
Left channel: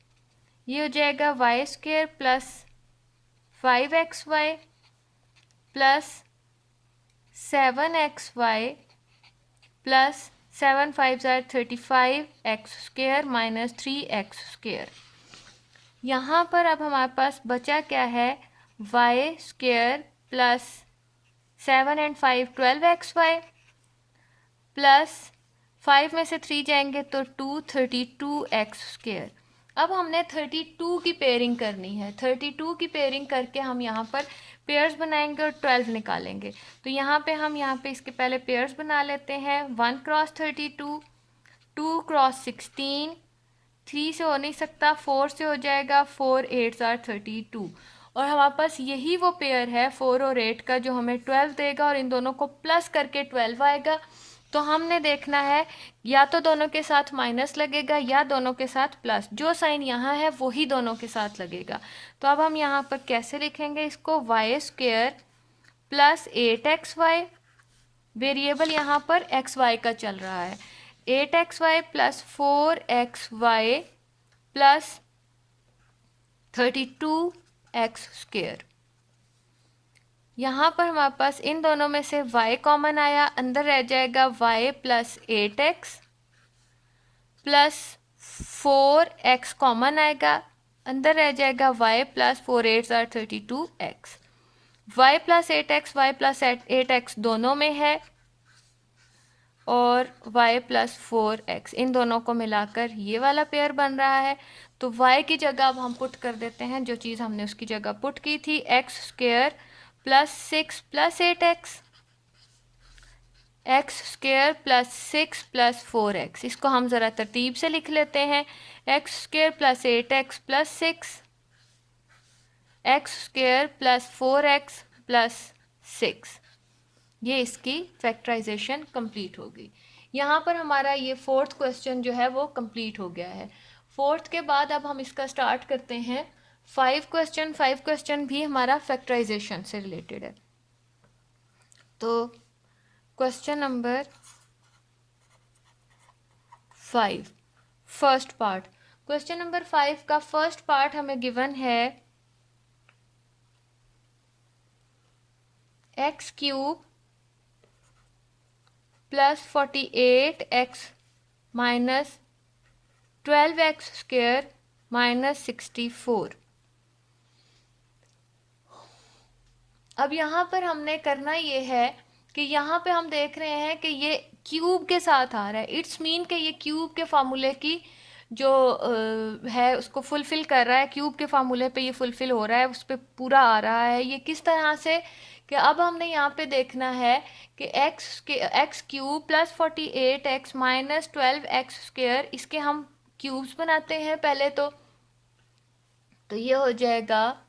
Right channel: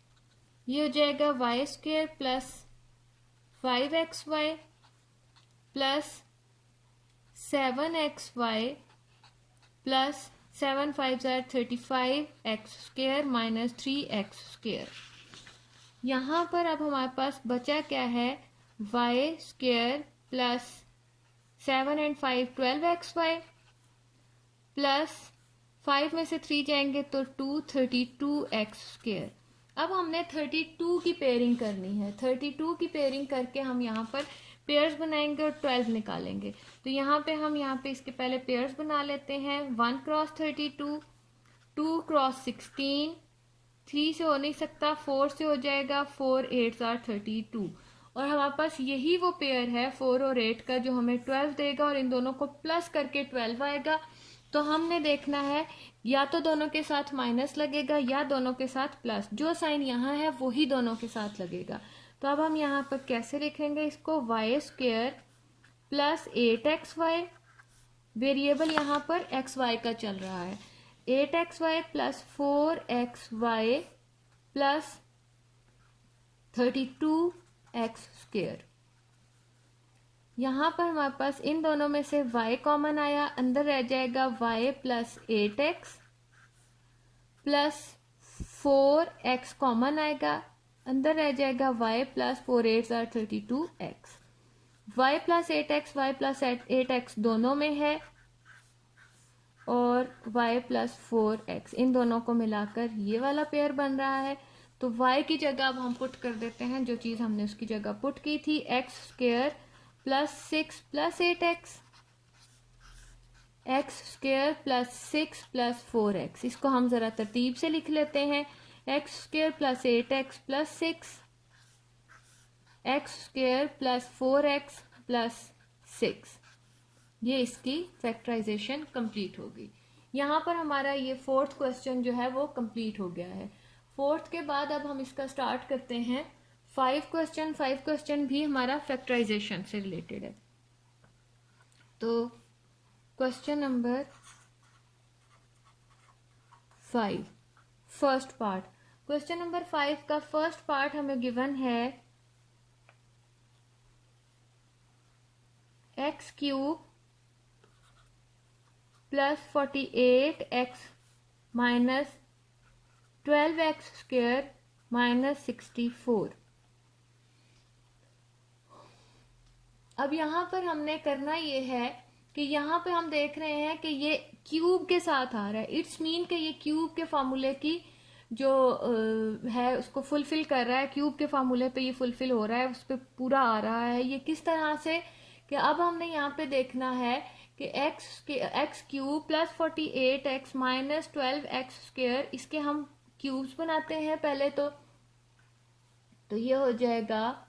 ये हो जाएगा y square plus 5xy plus 7xy plus 7 5 ज़ार 35x square minus 3x square. यहाँ पर अब हमारे पास बचा क्या है, y square plus 7 and 5 12xy plus 5 में से 3 जाएंगे तो 2 32x स्क्वायर। अब हमने 32 की पेयरिंग करनी है। 32 की पेयरिंग करके हम यहाँ पर पेयर्स बनाएंगे और 12 निकालेंगे। तो यहाँ पे हम यहाँ पे इसके पहले पेयर्स बना लेते हैं। 1 क्रॉस 32, 2 क्रॉस 16, 3 से हो नहीं सकता, 4 से हो जाएगा, 4 8 ज़ार 32 और हमारे पास यही वो पेयर है 4 और 8 का जो हमें 12 देगा और इन दोनों को प्लस करके 12 आएगा। तो हमने देखना है या तो दोनों के साथ माइनस लगेगा या दोनों के साथ प्लस, जो साइन यहाँ है वही दोनों के साथ लगेगा। तो अब हम यहाँ पर कैसे लिखेंगे इसको, Y square plus 8xy, variable यहाँ पर xy का चल रहा है, 8xy plus 4xy plus 32x²। यहाँ पर हमारे पास इन दोनों में से y कॉमन आया, अंदर रह जाएगा y plus 8x plus 4x common आएगा, अंदर रह जाएगा y plus 4 8 are 32x। y plus 8x y plus 8x दोनों में है और y प्लस 4x इन दोनों को मिलाकर ये वाला पेयर बन रहा है। तो y की जगह अब हम पुट कर देते हैं जो चीज़ हमने उसकी जगह पुट की थी, x² plus 6 plus 8x, x² plus 6 plus 4x। इसको हम ज़रा तरतीब से लिख लेते हैं, x² plus 8x plus 6, x² plus 4x plus 6। ये इसकी फैक्टराइजेशन कंप्लीट होगी। यहाँ पर हमारा ये फोर्थ क्वेश्चन जो है वो कंप्लीट हो गया है। फोर्थ के बाद अब हम इसका स्टार्ट करते हैं 5 क्वेश्चन भी हमारा फैक्टराइजेशन से रिलेटेड है। तो question number 5 first part, question number 5 का फर्स्ट पार्ट हमें गिवन है x³ plus 48x minus 12x² minus 64। अब यहाँ पर हमने करना ये है कि यहाँ पे हम देख रहे हैं कि ये क्यूब के साथ आ रहा है, इट्स मीन कि ये क्यूब के फार्मूले की जो है उसको फुलफिल कर रहा है, क्यूब के फार्मूले पे ये फुलफिल हो रहा है, उस पर पूरा आ रहा है। ये किस तरह से कि अब हमने यहाँ पे देखना है कि x³ plus 48x minus 12x², इसके हम क्यूब्स बनाते हैं पहले। तो ये हो जाएगा,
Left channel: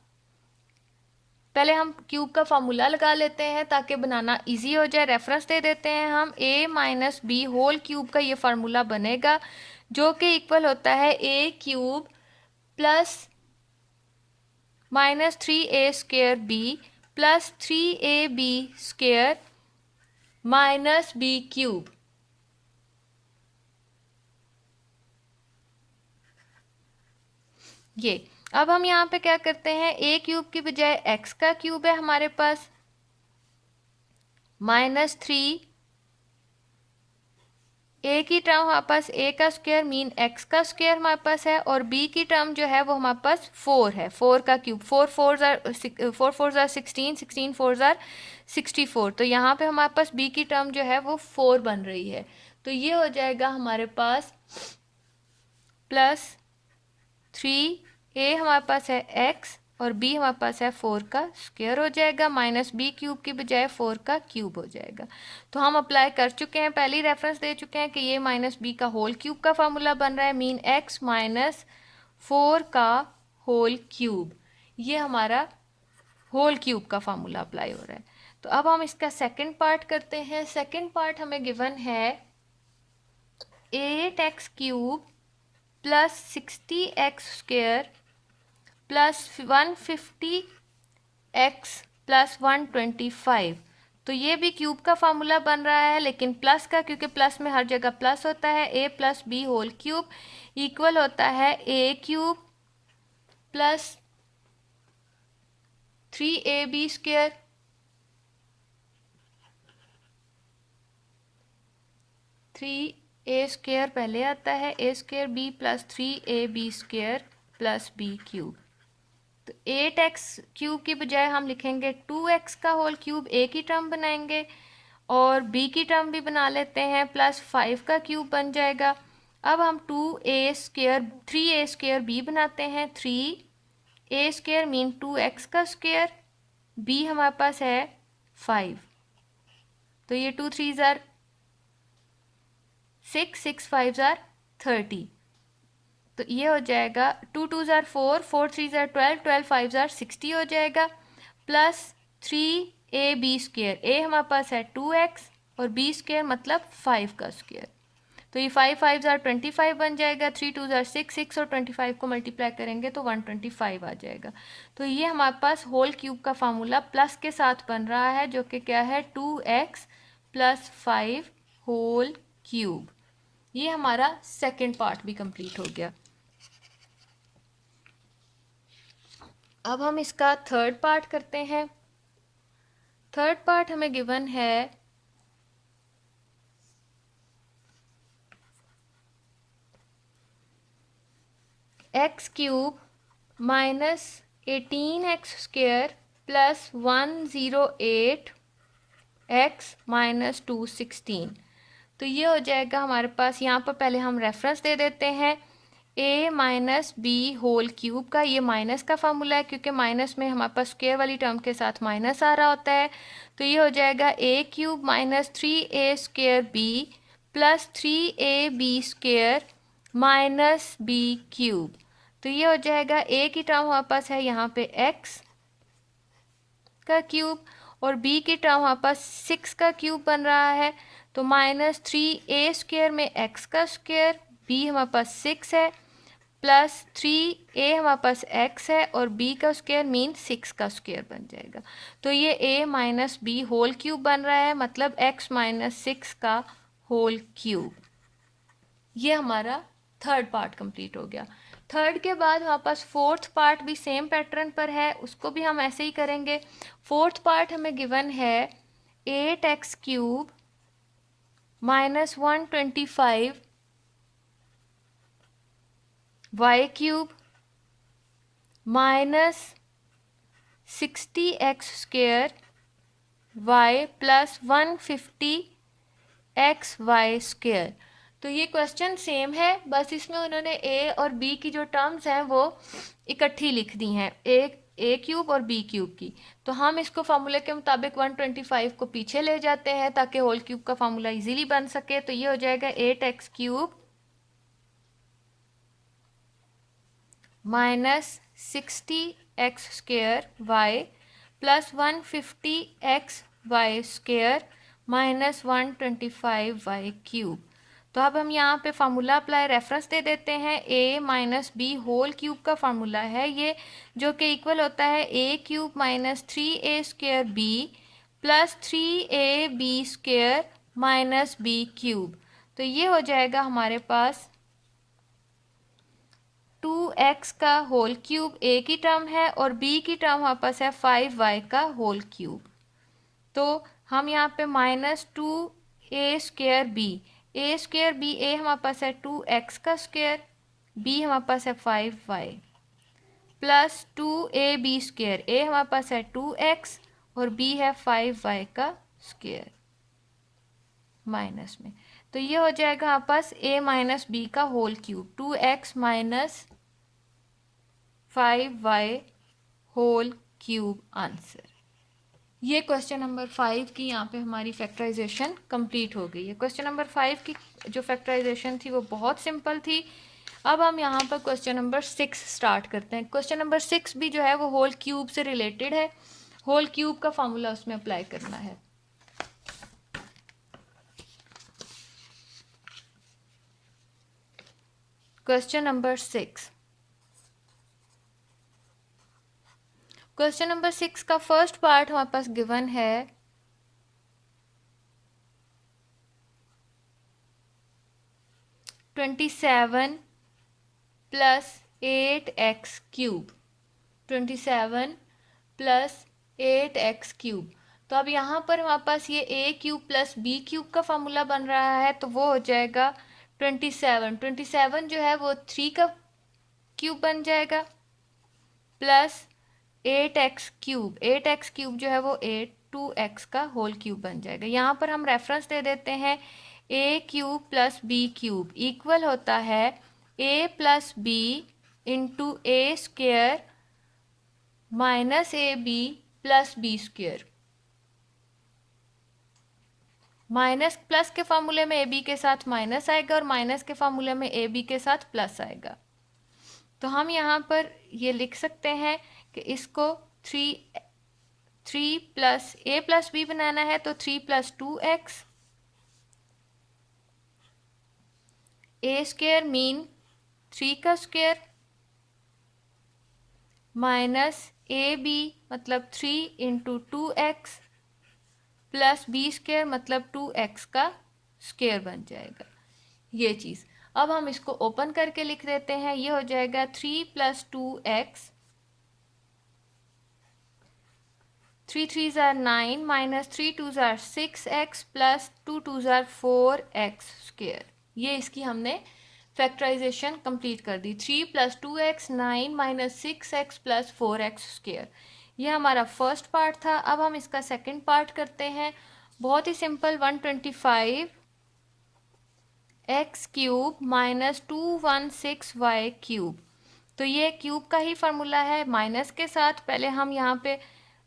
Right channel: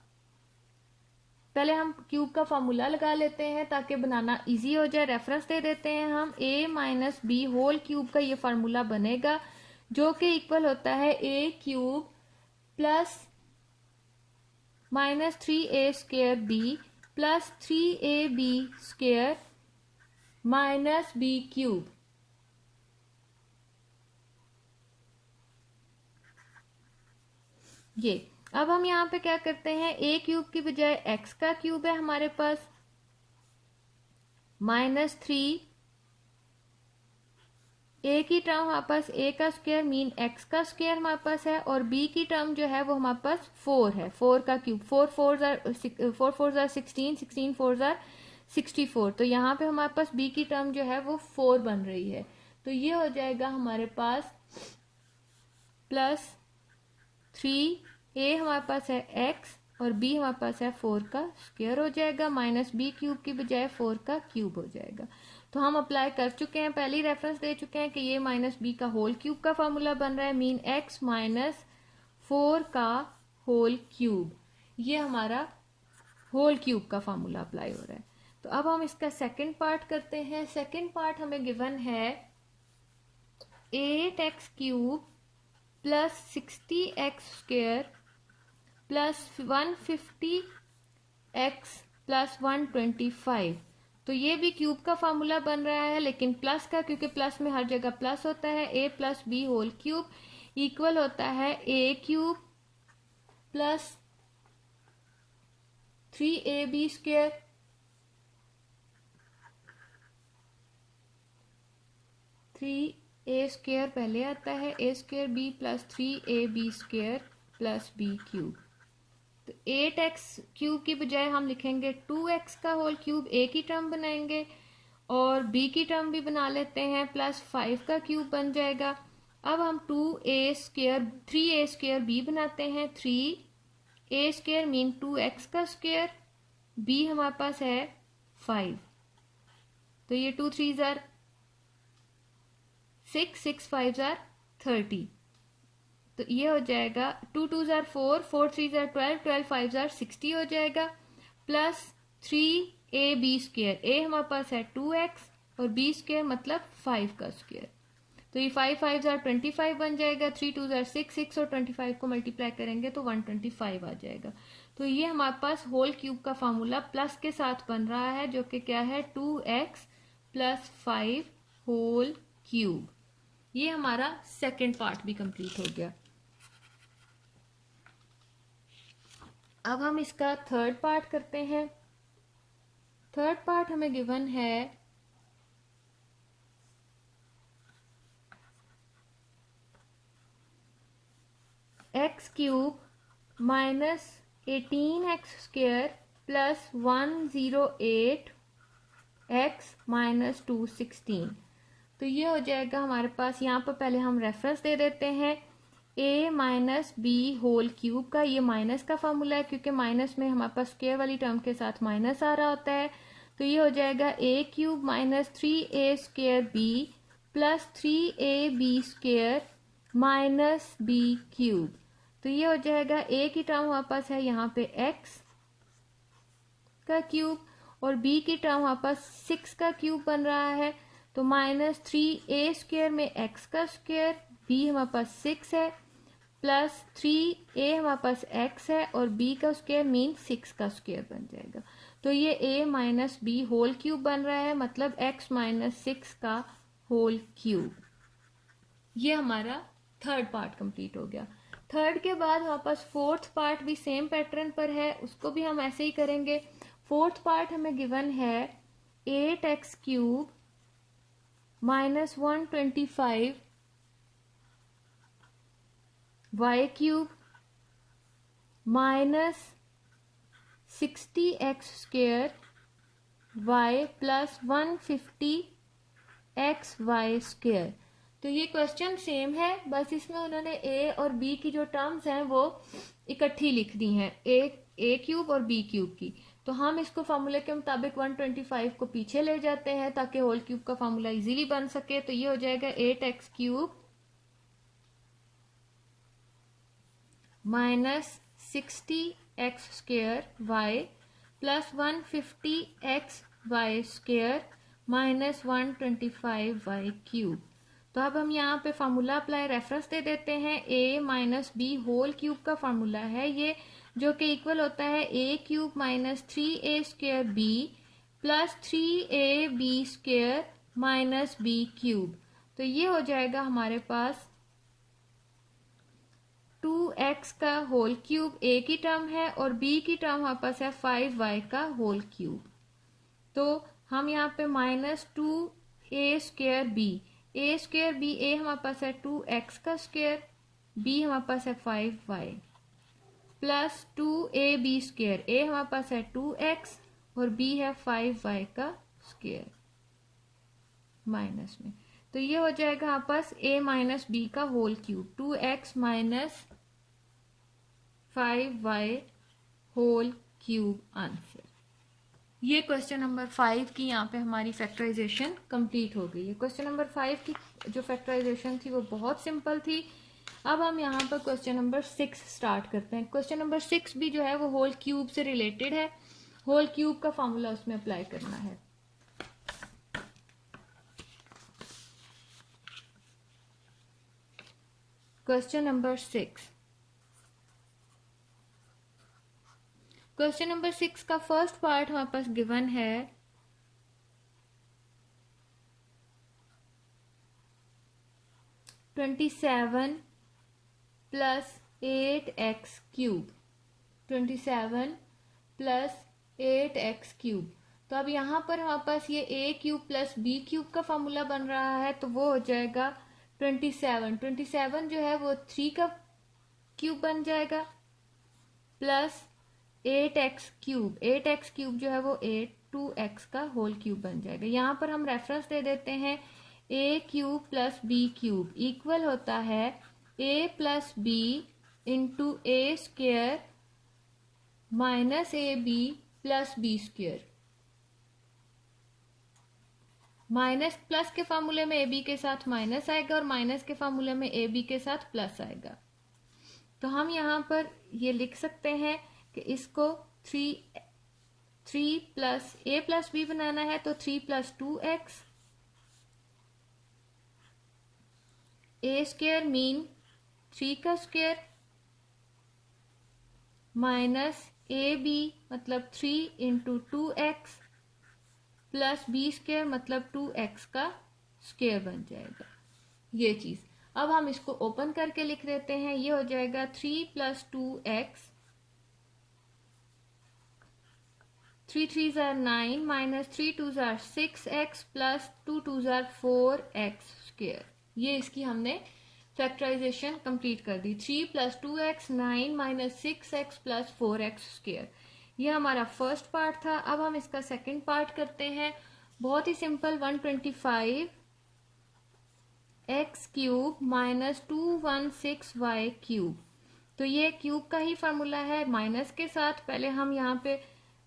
पहले हम क्यूब का फार्मूला लगा लेते हैं ताकि बनाना इजी हो जाए। रेफरेंस दे देते हैं हम, a minus b whole cube का ये फार्मूला बनेगा जो कि इक्वल होता है a³ plus minus 3a² plus 3ab² minus b³। ये अब हम यहाँ पे क्या करते हैं, a³ की बजाय x का क्यूब है हमारे पास, माइनस 3 a की टर्म हमारे पास a का स्क्वायर मीन x का स्क्वायर हमारे पास है, और b की टर्म जो है वो हमारे पास 4 है, 4 का क्यूब, 4 4 are 16, 16 4 are 64। तो यहाँ पे हमारे पास b की टर्म जो है वो 4 बन रही है। तो ये हो जाएगा हमारे पास प्लस 3a हमारे पास है x और b हमारे पास है 4 का स्क्वायर हो जाएगा, माइनस b³ की बजाय 4 का क्यूब हो जाएगा। तो हम अप्लाई कर चुके हैं, पहली रेफरेंस दे चुके हैं कि ये माइनस b का होल क्यूब का फार्मूला बन रहा है, मीन x माइनस 4 का होल क्यूब, ये हमारा होल क्यूब का फार्मूला अप्लाई हो रहा है। तो अब हम इसका सेकंड पार्ट करते हैं। सेकंड पार्ट हमें गिवन है 8x³ plus 60x² plus 150x plus 125। तो ये भी क्यूब का फार्मूला बन रहा है लेकिन प्लस का, क्योंकि प्लस में हर जगह प्लस होता है। a plus b whole cube equal होता है a³ प्लस 3ab², a² पहले आता है, a² plus 3ab² plus b³। तो 8x³ की बजाय हम लिखेंगे 2x का होल क्यूब, a की टर्म बनाएंगे और b की टर्म भी बना लेते हैं, प्लस 5 का क्यूब बन जाएगा। अब हम 3a² बनाते हैं, 3a² मीन 2x का स्क्वायर, b हमारे पास है 5, तो ये 2 3s are 6, 6 5s are 30। तो ये हो जाएगा 2 2s are 4, 4 3s are 12, 12 5s are 60 हो जाएगा, प्लस 3ab², a हमारे पास है 2x और b² मतलब 5 का स्क्वायर। तो ये 5 5s are 25 बन जाएगा, 3 2s are 6, 6 और 25 को मल्टीप्लाई करेंगे तो 125 आ जाएगा। तो ये हमारे पास होल क्यूब का फार्मूला प्लस के साथ बन रहा है जो कि क्या है 2x प्लस 5 होल क्यूब। ये हमारा सेकंड पार्ट भी कंप्लीट हो गया। अब हम इसका थर्ड पार्ट करते हैं। थर्ड पार्ट हमें गिवन है x cube minus 18x² plus 108 x minus 216। तो ये हो जाएगा हमारे पास, यहाँ पर पहले हम रेफरेंस दे देते हैं a minus b whole cube का। ये माइनस का फॉर्मूला है क्योंकि माइनस में हमारे पास स्क्वायर वाली टर्म के साथ माइनस आ रहा होता है। तो ये हो जाएगा a cube minus 3a² b plus 3ab² minus b cube. तो ये हो जाएगा a की टर्म हमारे पास है यहाँ पे x का क्यूब और b की टर्म हमारे पास 6 का क्यूब बन रहा है। तो माइनस 3a² में x का स्क्वायर, b हमारे पास 6 है, प्लस 3a हमारे पास x है और b का स्क्वायर मीन 6 का स्क्वायर बन जाएगा। तो ये a minus b whole cube बन रहा है, मतलब x माइनस 6 का होल क्यूब। ये हमारा थर्ड पार्ट कंप्लीट हो गया। थर्ड के बाद हमारे पास फोर्थ पार्ट भी सेम पैटर्न पर है, उसको भी हम ऐसे ही करेंगे। फोर्थ पार्ट हमें गिवन है 8x³ minus 125 y³ minus 60x² y plus 150 xy²। तो ये क्वेश्चन सेम है, बस इसमें उन्होंने a और b की जो टर्म्स हैं वो इकट्ठी लिख दी हैं, a क्यूब और b क्यूब की। तो हम इसको फार्मूले के मुताबिक 125 को पीछे ले जाते हैं ताकि होल क्यूब का फार्मूला इजीली बन सके। तो ये हो जाएगा 8x³ minus 60x² y plus 150 xy² minus 125 y³। तो अब हम यहाँ पे फार्मूला अप्लाई रेफरेंस दे देते हैं। a minus b whole cube का फार्मूला है ये, जो कि इक्वल होता है a³ minus 3a² b plus 3ab² minus b³। तो ये हो जाएगा हमारे पास 2x का होल क्यूब a की टर्म है और b की टर्म हमारे पास है 5y का होल क्यूब। तो हम यहाँ पे minus 2a² b, a² b, a हमारे पास है 2x का स्क्वायर, b हमारे पास है 5y प्लस 2ab², a हमारे पास है 2x और b है 5y का स्क्वायर माइनस में। तो ये हो जाएगा हमारे पास a माइनस बी का whole cube, 2x minus 5y whole cube answer. ये क्वेश्चन नंबर 5 की यहाँ पे हमारी फैक्टराइजेशन कंप्लीट हो गई है। क्वेश्चन नंबर 5 की जो फैक्टराइजेशन थी वो बहुत सिंपल थी। अब हम यहाँ पर क्वेश्चन नंबर 6 स्टार्ट करते हैं। क्वेश्चन नंबर 6 भी जो है वो होल क्यूब से रिलेटेड है, होल क्यूब का फॉर्मूला उसमें अप्लाई करना है। क्वेश्चन नंबर 6, क्वेश्चन नंबर 6 का फर्स्ट पार्ट हमारे पास गिवन है 27 प्लस 8x³, 27 प्लस 8x³। तो अब यहाँ पर हमारे पास ये a³ प्लस b³ का फॉर्मूला बन रहा है, तो वो हो जाएगा 27 जो है वो 3 का क्यूब बन जाएगा प्लस 8x³ जो है वो 2x का होल क्यूब बन जाएगा। यहाँ पर हम रेफरेंस दे देते हैं a³ प्लस b³ इक्वल होता है a plus b into a² minus ab plus b²। Minus plus के फार्मूले में ab के साथ माइनस आएगा और माइनस के फार्मूले में ab के साथ प्लस आएगा। तो हम यहाँ पर ये लिख सकते हैं कि इसको 3 प्लस a प्लस b बनाना है, तो 3 प्लस 2x, a² मीन 3 का स्क्वायर माइनस ab मतलब 3 इंटू 2x प्लस b² मतलब 2x का स्क्वायर बन जाएगा। ये चीज़। अब हम इसको ओपन करके लिख देते हैं, ये हो जाएगा 3 + 2x, 3 3s are 9 minus 3 2s are 6x plus 2 2s are 4x square. ये इसकी हमने फैक्टराइजेशन कंप्लीट कर दी। 3 + 2x 9 minus 6x plus 4x square, ये हमारा फर्स्ट पार्ट था। अब हम इसका सेकंड पार्ट करते हैं, बहुत ही simple. 125 x cube minus 216y cube, तो ये क्यूब का ही फार्मूला है माइनस के साथ। पहले हम यहाँ पे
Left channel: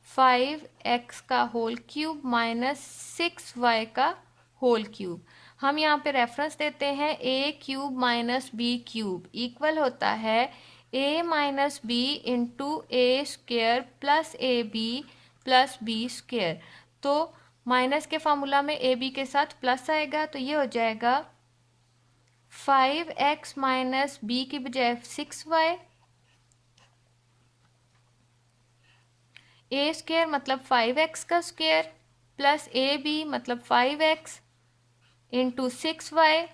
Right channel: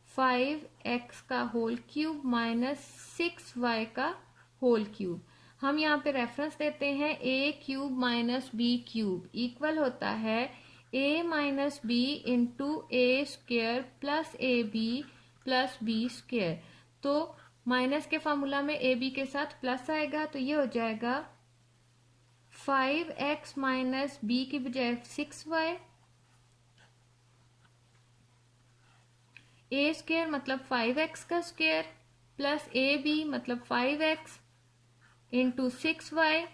5x का होल क्यूब माइनस 6y का होल क्यूब, हम यहाँ पे रेफरेंस देते हैं a cube minus b cube equal होता है a minus b into a square plus a b plus b square. तो माइनस के फार्मूला में ए बी के साथ प्लस आएगा, तो ये हो जाएगा 5x माइनस बी की बजाय 6y, ए स्क्वेयर मतलब 5x का स्क्वेयर प्लस ए बी मतलब 5x into 6y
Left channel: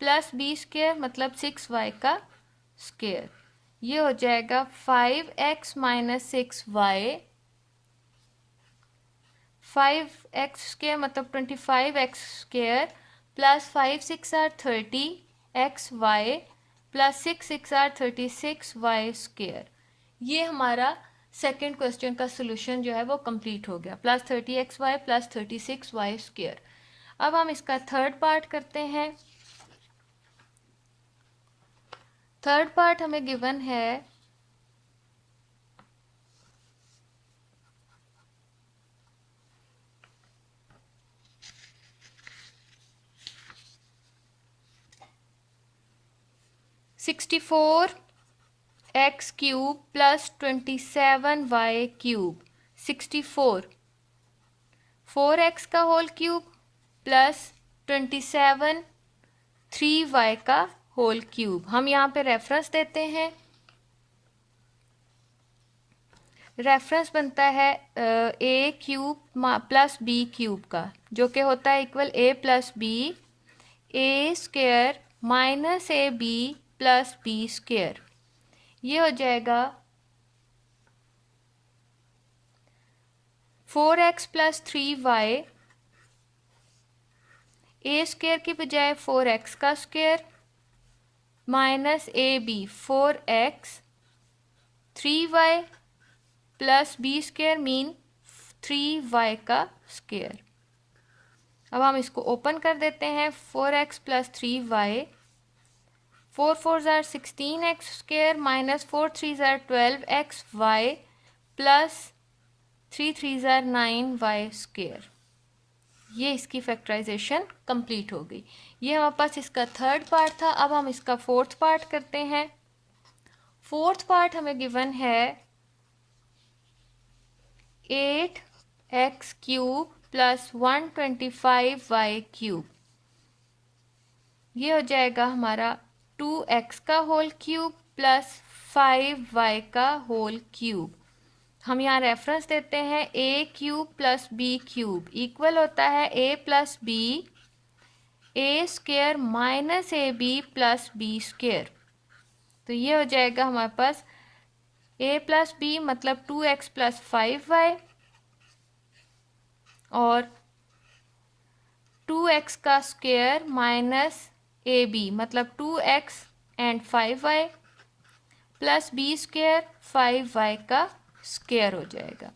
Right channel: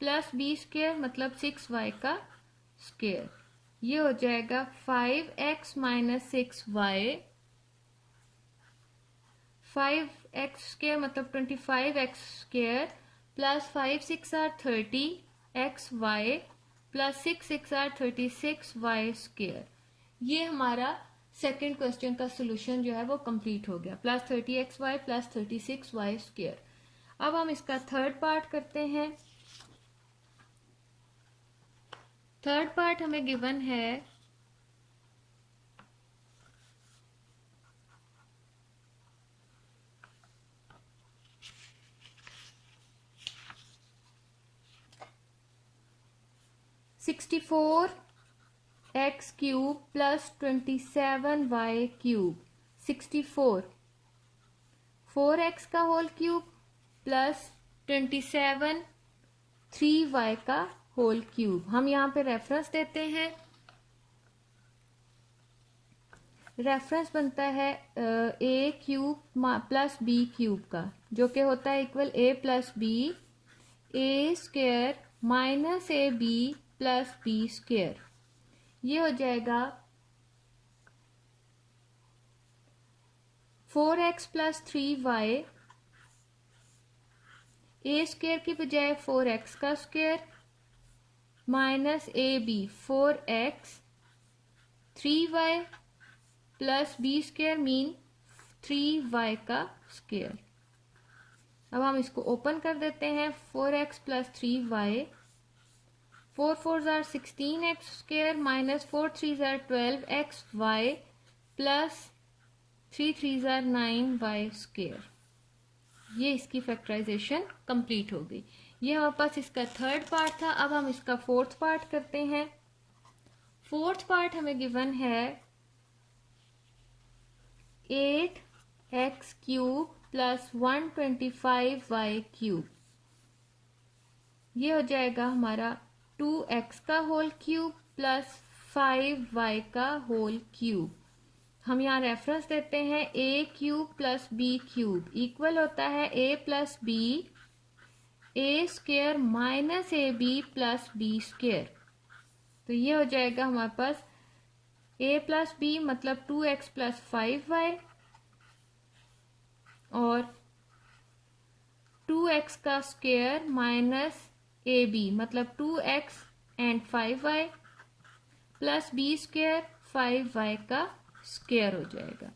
plus b square मतलब 6y का स्क्वेयर। ये हो जाएगा 5x minus 6y, 5x square मतलब 25x square plus 5 6 are 30xy plus 6 6 are 36y square. ये हमारा सेकेंड क्वेश्चन का सोल्यूशन जो है वो कंप्लीट हो गया, plus 30xy plus 36y square. अब हम इसका थर्ड पार्ट करते हैं। थर्ड पार्ट हमें गिवन है 64 x cube plus 27y cube. 64 4x का होल क्यूब प्लस 27 3y का होल क्यूब। हम यहाँ पे रेफरेंस देते हैं, रेफरेंस बनता है a cube plus b cube का, जो कि होता है equal a plus b, a square minus A b plus b square. ये हो जाएगा 4x प्लस 3y, ए स्क्वेयर की बजाय 4x का स्क्वेयर माइनस ए b 4x, 3y plus b square mean 3y का स्क्वेयर। अब हम इसको ओपन कर देते हैं, 4x plus 3y, 4 4s are 16x square minus 4 3s are 12xy plus 3 3s are 9y square. ये इसकी फैक्टराइजेशन कंप्लीट हो गई। ये हमारे पास इसका थर्ड पार्ट था। अब हम इसका फोर्थ पार्ट करते हैं। फोर्थ पार्ट हमें गिवन है 8x cube plus 125y cube. ये हो जाएगा हमारा 2x का होल क्यूब प्लस 5y का होल क्यूब। हम यहाँ रेफरेंस देते हैं a cube plus b cube equal होता है a plus b, a square minus A b plus b square. तो ये हो जाएगा हमारे पास a प्लस बी मतलब 2x प्लस 5y और 2x का स्क्वेयर माइनस ए बी मतलब 2x and 5y plus b square 5y का स्क्वेयर हो जाएगा।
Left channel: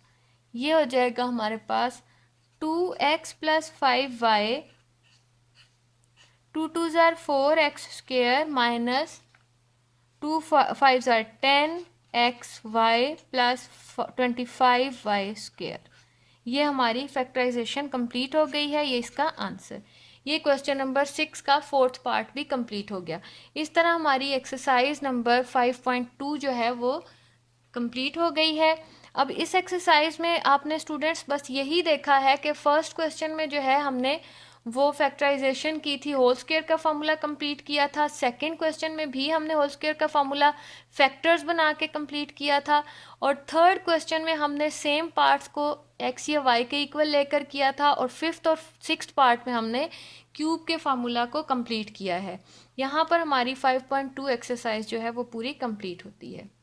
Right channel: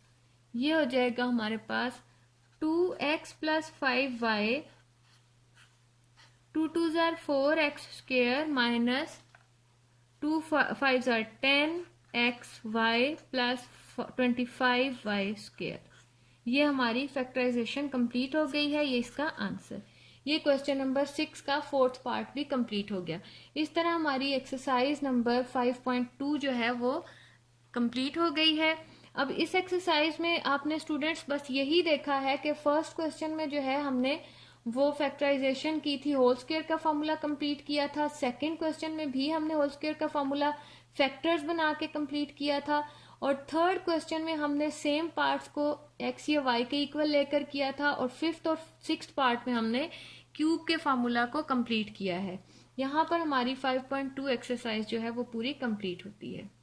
ये हो जाएगा हमारे पास 2x plus 5y, 2 2s are 4x square minus 2 5s are 10xy plus 25y square. ये हमारी फैक्टराइजेशन कंप्लीट हो गई है। ये इसका आंसर। ये क्वेश्चन नंबर 6 का फोर्थ पार्ट भी कंप्लीट हो गया। इस तरह हमारी एक्सरसाइज नंबर 5.2 जो है वो कंप्लीट हो गई है। अब इस एक्सरसाइज में आपने स्टूडेंट्स बस यही देखा है कि फर्स्ट क्वेश्चन में जो है हमने वो फैक्टराइजेशन की थी, होल स्क्वायर का फॉर्मूला कंप्लीट किया था। सेकंड क्वेश्चन में भी हमने होल स्क्वायर का फॉर्मूला फैक्टर्स बना के कंप्लीट किया था। और थर्ड क्वेश्चन में हमने सेम पार्ट्स को एक्स या वाई के इक्वल लेकर किया था। और फिफ्थ और सिक्स्थ पार्ट में हमने क्यूब के फार्मूला को कंप्लीट किया है। यहाँ पर हमारी 5.2 एक्सरसाइज जो है वो पूरी कंप्लीट होती है।